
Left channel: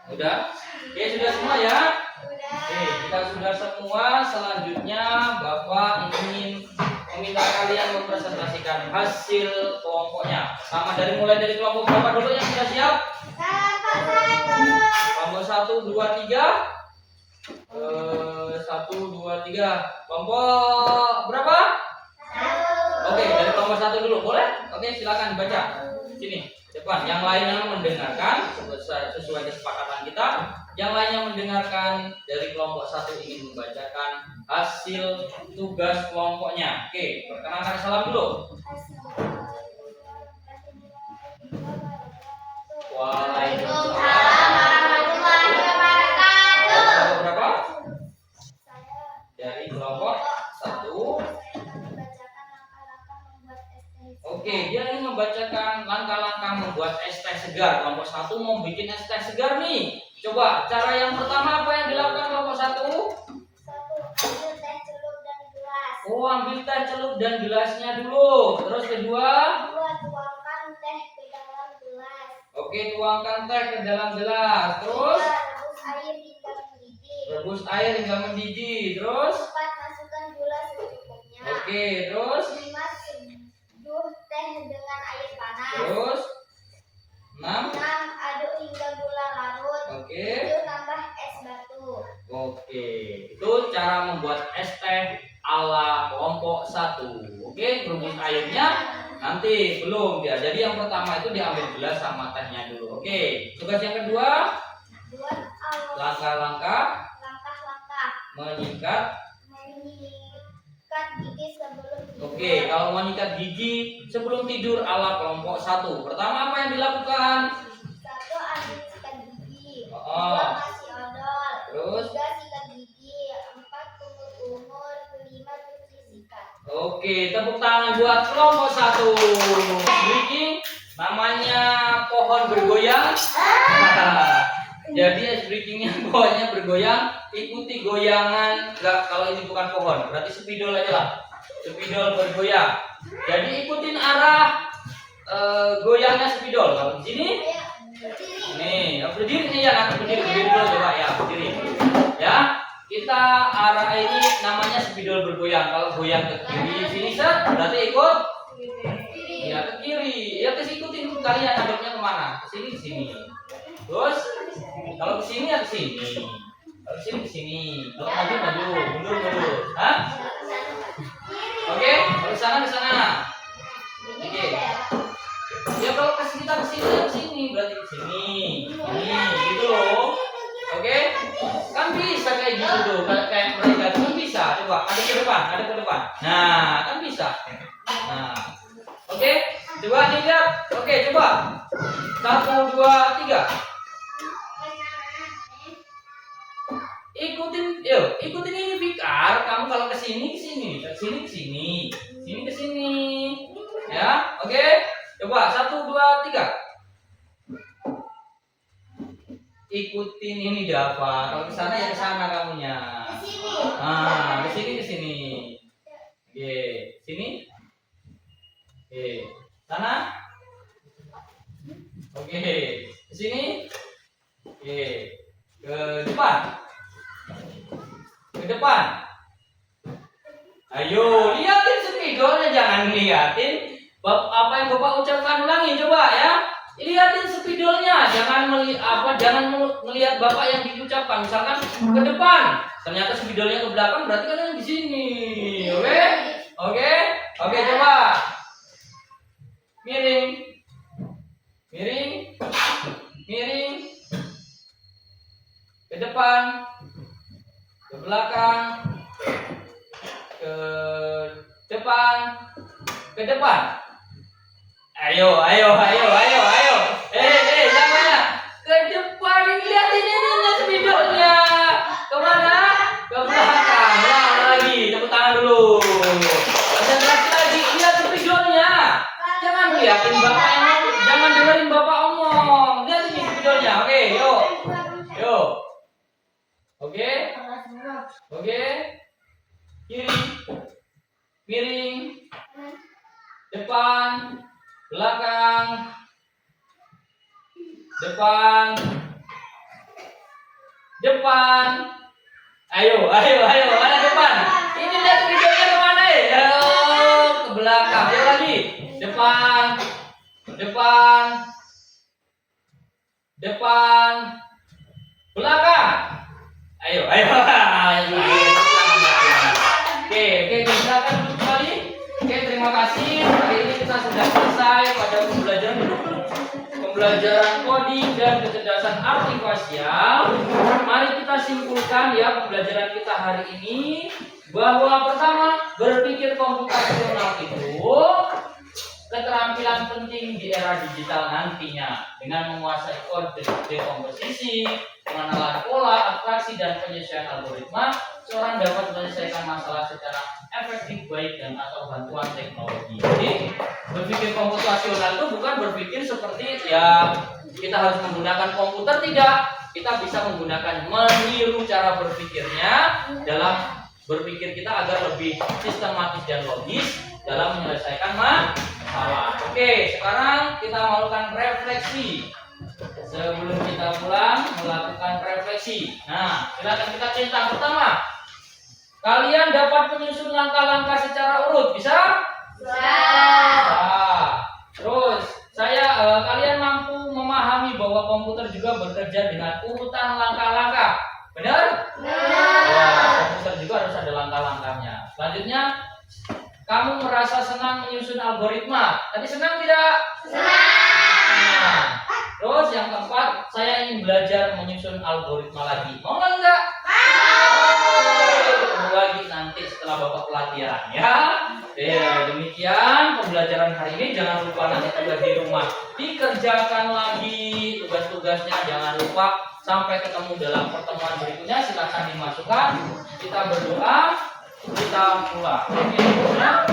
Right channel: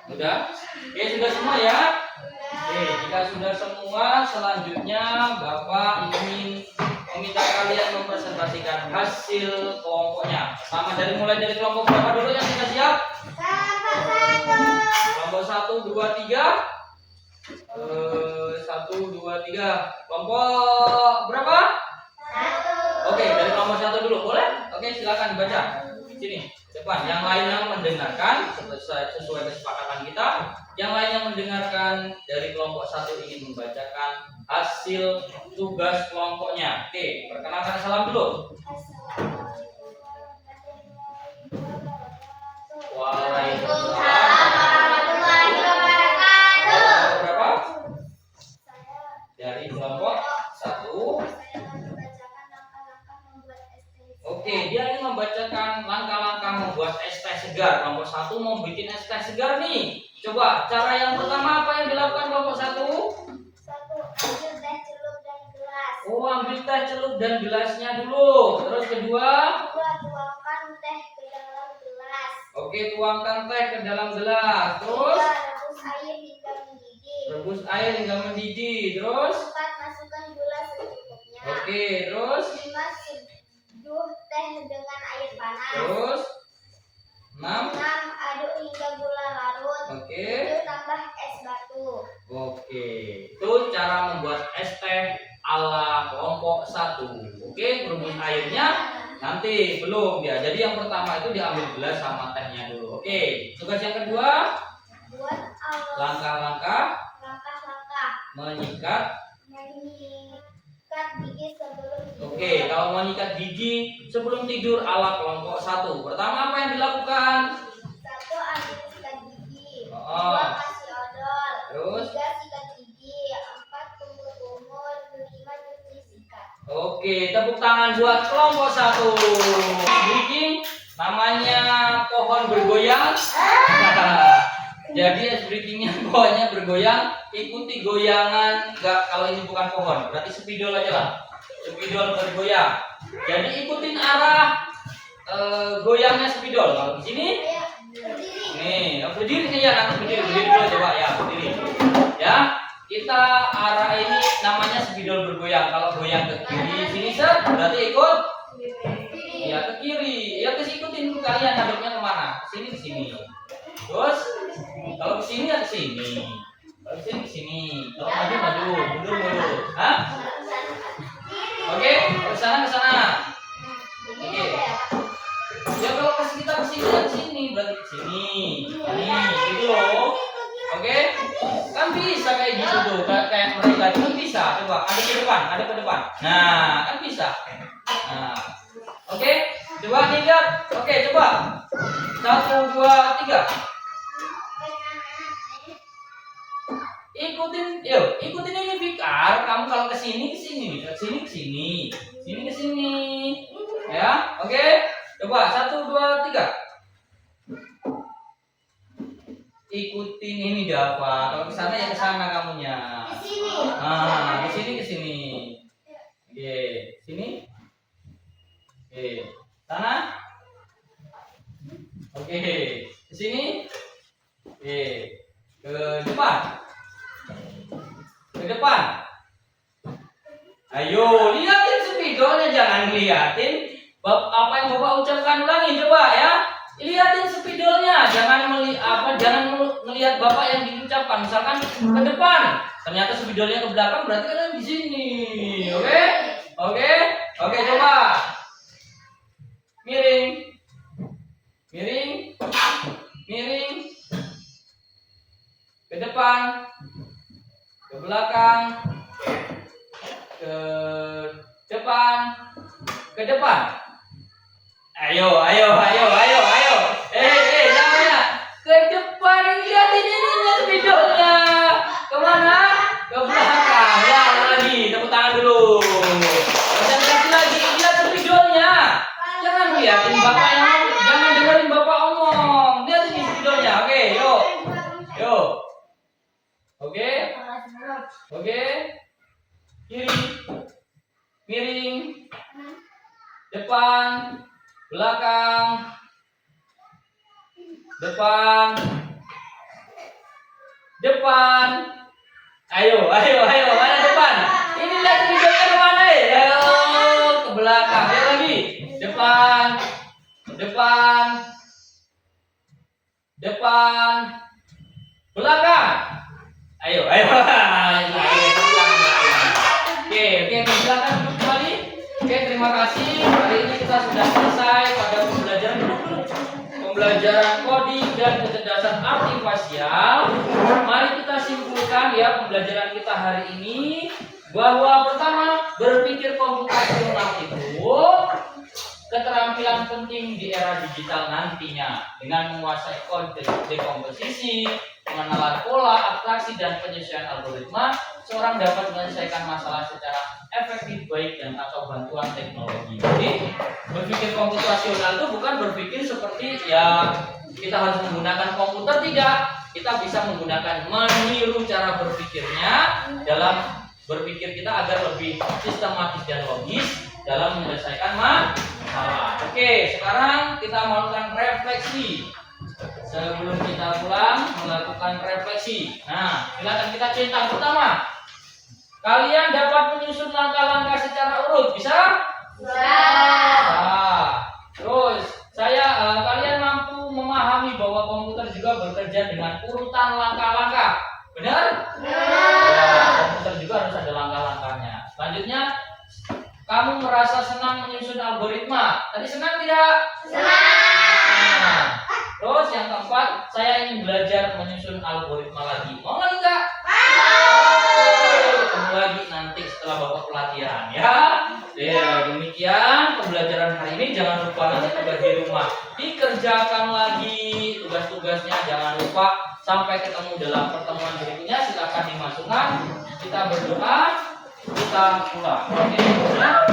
Udah? Oke, sudah semua ya? Oke, kita sudah semua. Selanjutnya Bapak ingin meminta kalian mempresentasikan hasil kelompoknya. Mulai dari kelompok berapa dulu yang sudah siap? Kelompok 1, 2, 3. 1, 2, 3. Kelompok berapa? 1. Oke, dari kelompok 1 dulu, boleh? Oke, silakan baca. Sini, depan. Yang lainnya mendengarkan sesuai kesepakatan kita. Yang lainnya mendengarkan dari kelompok 1 ingin membacakan hasil tugas kelompoknya. Oke, perkenalkan salam dulu. Waalaikumsalam warahmatullahi wabarakatuh. Berapa? Dari kelompok 1. Oke, dia ingin membacakan langkah-langkah membuat es teh segar. Kelompok 1 mau bikin es teh segar nih. Coba, cara yang pertama apa yang dilakukan kelompok 1? 1. Ambil teh celup dan gelas. Oh, ambil teh celup dan gelasnya dulu. Terus kedua, tuangkan teh ke dalam gelas. oke, tuangkan teh ke dalam gelas. Terus 3, rebus air hingga mendidih. rebus air hingga mendidih. Terus 4, masukkan gula secukupnya. oke, terus 5, seduh teh dengan air panas. terus 6. 6, aduk hingga gula larut. Oke. 7, tambah es batu. Oke, itu cara membuat es teh ala kelompok 1. Oke, rebus airnya nanti belum ya. Jadi yang pertama itu diambil gelas sama tehnya dulu. Oke, tugas yang kedua, Buat langkah-langkah langkah-langkah menyikat. mengikat gigi sebelum tidur. Oke, kalau mau nyikat gigi sebelum tidur ala kelompok 1. Pertama apa yang dilakukan? 1, ambil sikat gigi. Oh. 2, kasih odol. Terus 3, sikat gigi. 4, kumur-kumur. 5, cuci sikat. oke, tepuk tangan buat kelompok 1. Breaking namanya pohon bergoyang. Jadi es breakingnya pohonnya bergoyang, ikuti goyangan. Enggak, kalau ini bukan pohon, berarti spidol aja lah. Spidol bergoyang. Jadi ikutin arah goyangnya spidol. Kalau di sini, Ya, berdiri. nih, berdiri nih ya, nanti berdiri dulu coba ya, berdiri. Ya, kita arah ini namanya spidol bergoyang. Kalau goyang ke kiri, sini set, berarti ikut. Ya ke kiri, ya ikutin kalian ngadepnya kemana? Ke sini ke sini. Terus kalau ke sini ya ke sini. Kalau ke sini ke sini. Kalau maju maju, mundur mundur. Hah? Oke, ke sana ke sana. Oke. Ya kalau kita ke sini ya ke sini, berarti ke sini. Ini gitu loh. Oke? Kan bisa kayak gitu tuh, kayak mereka itu kan bisa. Coba ada ke depan, ada ke depan. Nah, kan bisa. Nah. Oke, coba lihat. Oke, coba. 1 2 3. Ikutin ini Fikar. Kamu kalau ke sini ke sini, ke sini ke sini, sini ke sini. Ya, oke. Coba 1 2 3. Ikutin ini Dava. Kalau ke sana ya ke sana kamunya. Di sini. Ah, ke sini ke sini. Oke, sini. Oke, sana. Oke, ke sini. Oke, ke depan. Ke depan. Ayo, liatin spidolnya, jangan liatin apa yang Bapak ucapkan, ulangi coba ya. Liatin spidolnya, jangan melihat Bapak yang diucapkan. Misalkan ke depan, ternyata spidolnya ke belakang, berarti kalian di sini. Oke? Oke? Oke, coba. Miring. Miring. Miring. Ke depan. Ke belakang. Ke depan. Ke depan. Ayo. Namanya. Ke depan, lihatin ini spidolnya. Kemana? Ke belakang. Ulang lagi, tepuk tangan dulu. Konsentrasi lagi, lihat spidolnya. Jangan lihatin Bapak jangan dengerin Bapak omong. Lihat ini spidolnya. Oke, yuk. Yuk. Oke. Oke. Kiri. Miring. Depan. Belakang. Depan. Depan. Ayo. Mana depan? Ini lihat spidolnya kemana ya? Ayo, ke belakang. Ya lagi. Depan. Belakang. Ayo. Oke, silakan duduk kembali. Oke, terima kasih. Hari ini kita sudah selesai pada pembelajaran coding dan kecerdasan artifisial. Mari kita simpulkan ya pembelajaran kita hari ini, bahwa pertama, berpikir komputasional itu keterampilan penting di era digital nantinya. Dengan menguasai kode dekomposisi, pengenalan pola, abstraksi, dan penyesuaian algoritma, seorang dapat menyelesaikan masalah secara efektif baik dan atau bantuan teknologi. Jadi berpikir komputasional itu bukan berpikir seperti ya kita harus menggunakan komputer, tidak. Kita bisa meniru cara berpikirnya dalam berpikir kita agar lebih sistematis dan logis dalam menyelesaikan masalah. Oke, sekarang kita melakukan refleksi. Sebelum kita pulang melakukan refleksi. Nah, silakan kita centang pertama. Kalian dapat menyusun langkah-langkah secara urut, bisa? Nah, terus kalian mampu memahami bahwa komputer juga bekerja dengan urutan langkah-langkah. Benar? Ya, komputer juga harus ada langkah-langkahnya. Selanjutnya, kamu merasa senang menyusun algoritma. Tadi senang tidak? Nah, terus yang keempat, saya ingin belajar menyusun algoritma lagi. Mau lagi enggak? Ketemu lagi nanti setelah Bapak pelatihan ya. Ya, demikian pembelajaran hari ini. Jangan lupa nanti tugas di rumah dikerjakan lagi tugas-tugasnya. Jangan lupa. Sampai ketemu dalam pertemuan berikutnya. Silakan dimasukkan. Kita berdoa. Kita pulang. Oke, ya.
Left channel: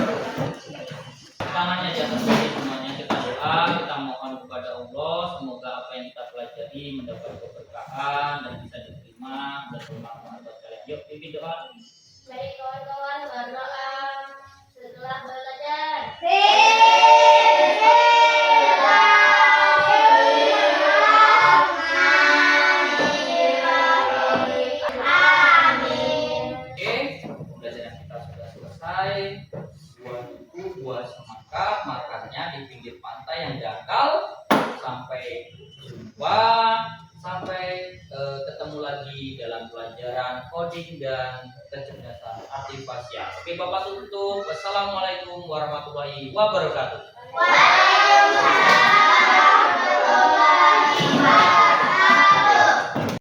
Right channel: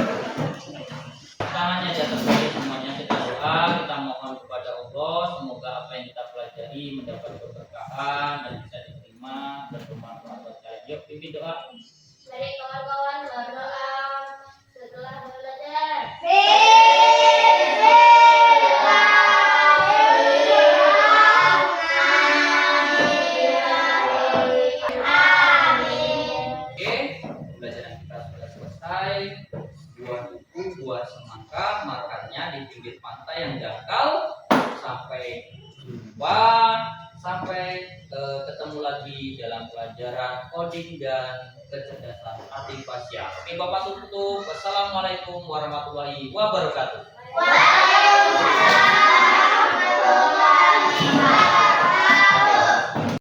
Tangannya di atas meja semuanya. Kita doa. Kita mohon kepada Allah. Semoga apa yang kita pelajari mendapat keberkahan dan bisa diterima dan bermanfaat buat kalian. Yuk, pimpin doa. Mari kawan-kawan berdoa setelah belajar. Oke, pembelajaran kita sudah selesai. Buat buku, buat semangka, makannya di pinggir pantai yang dangkal. Sampai jumpa, sampai ketemu lagi dalam pelajaran coding dan kecerdasan artifisial. Oke, Bapak tutup. Wassalamualaikum warahmatullahi wabarakatuh. Waalaikumsalam warahmatullahi wabarakatuh.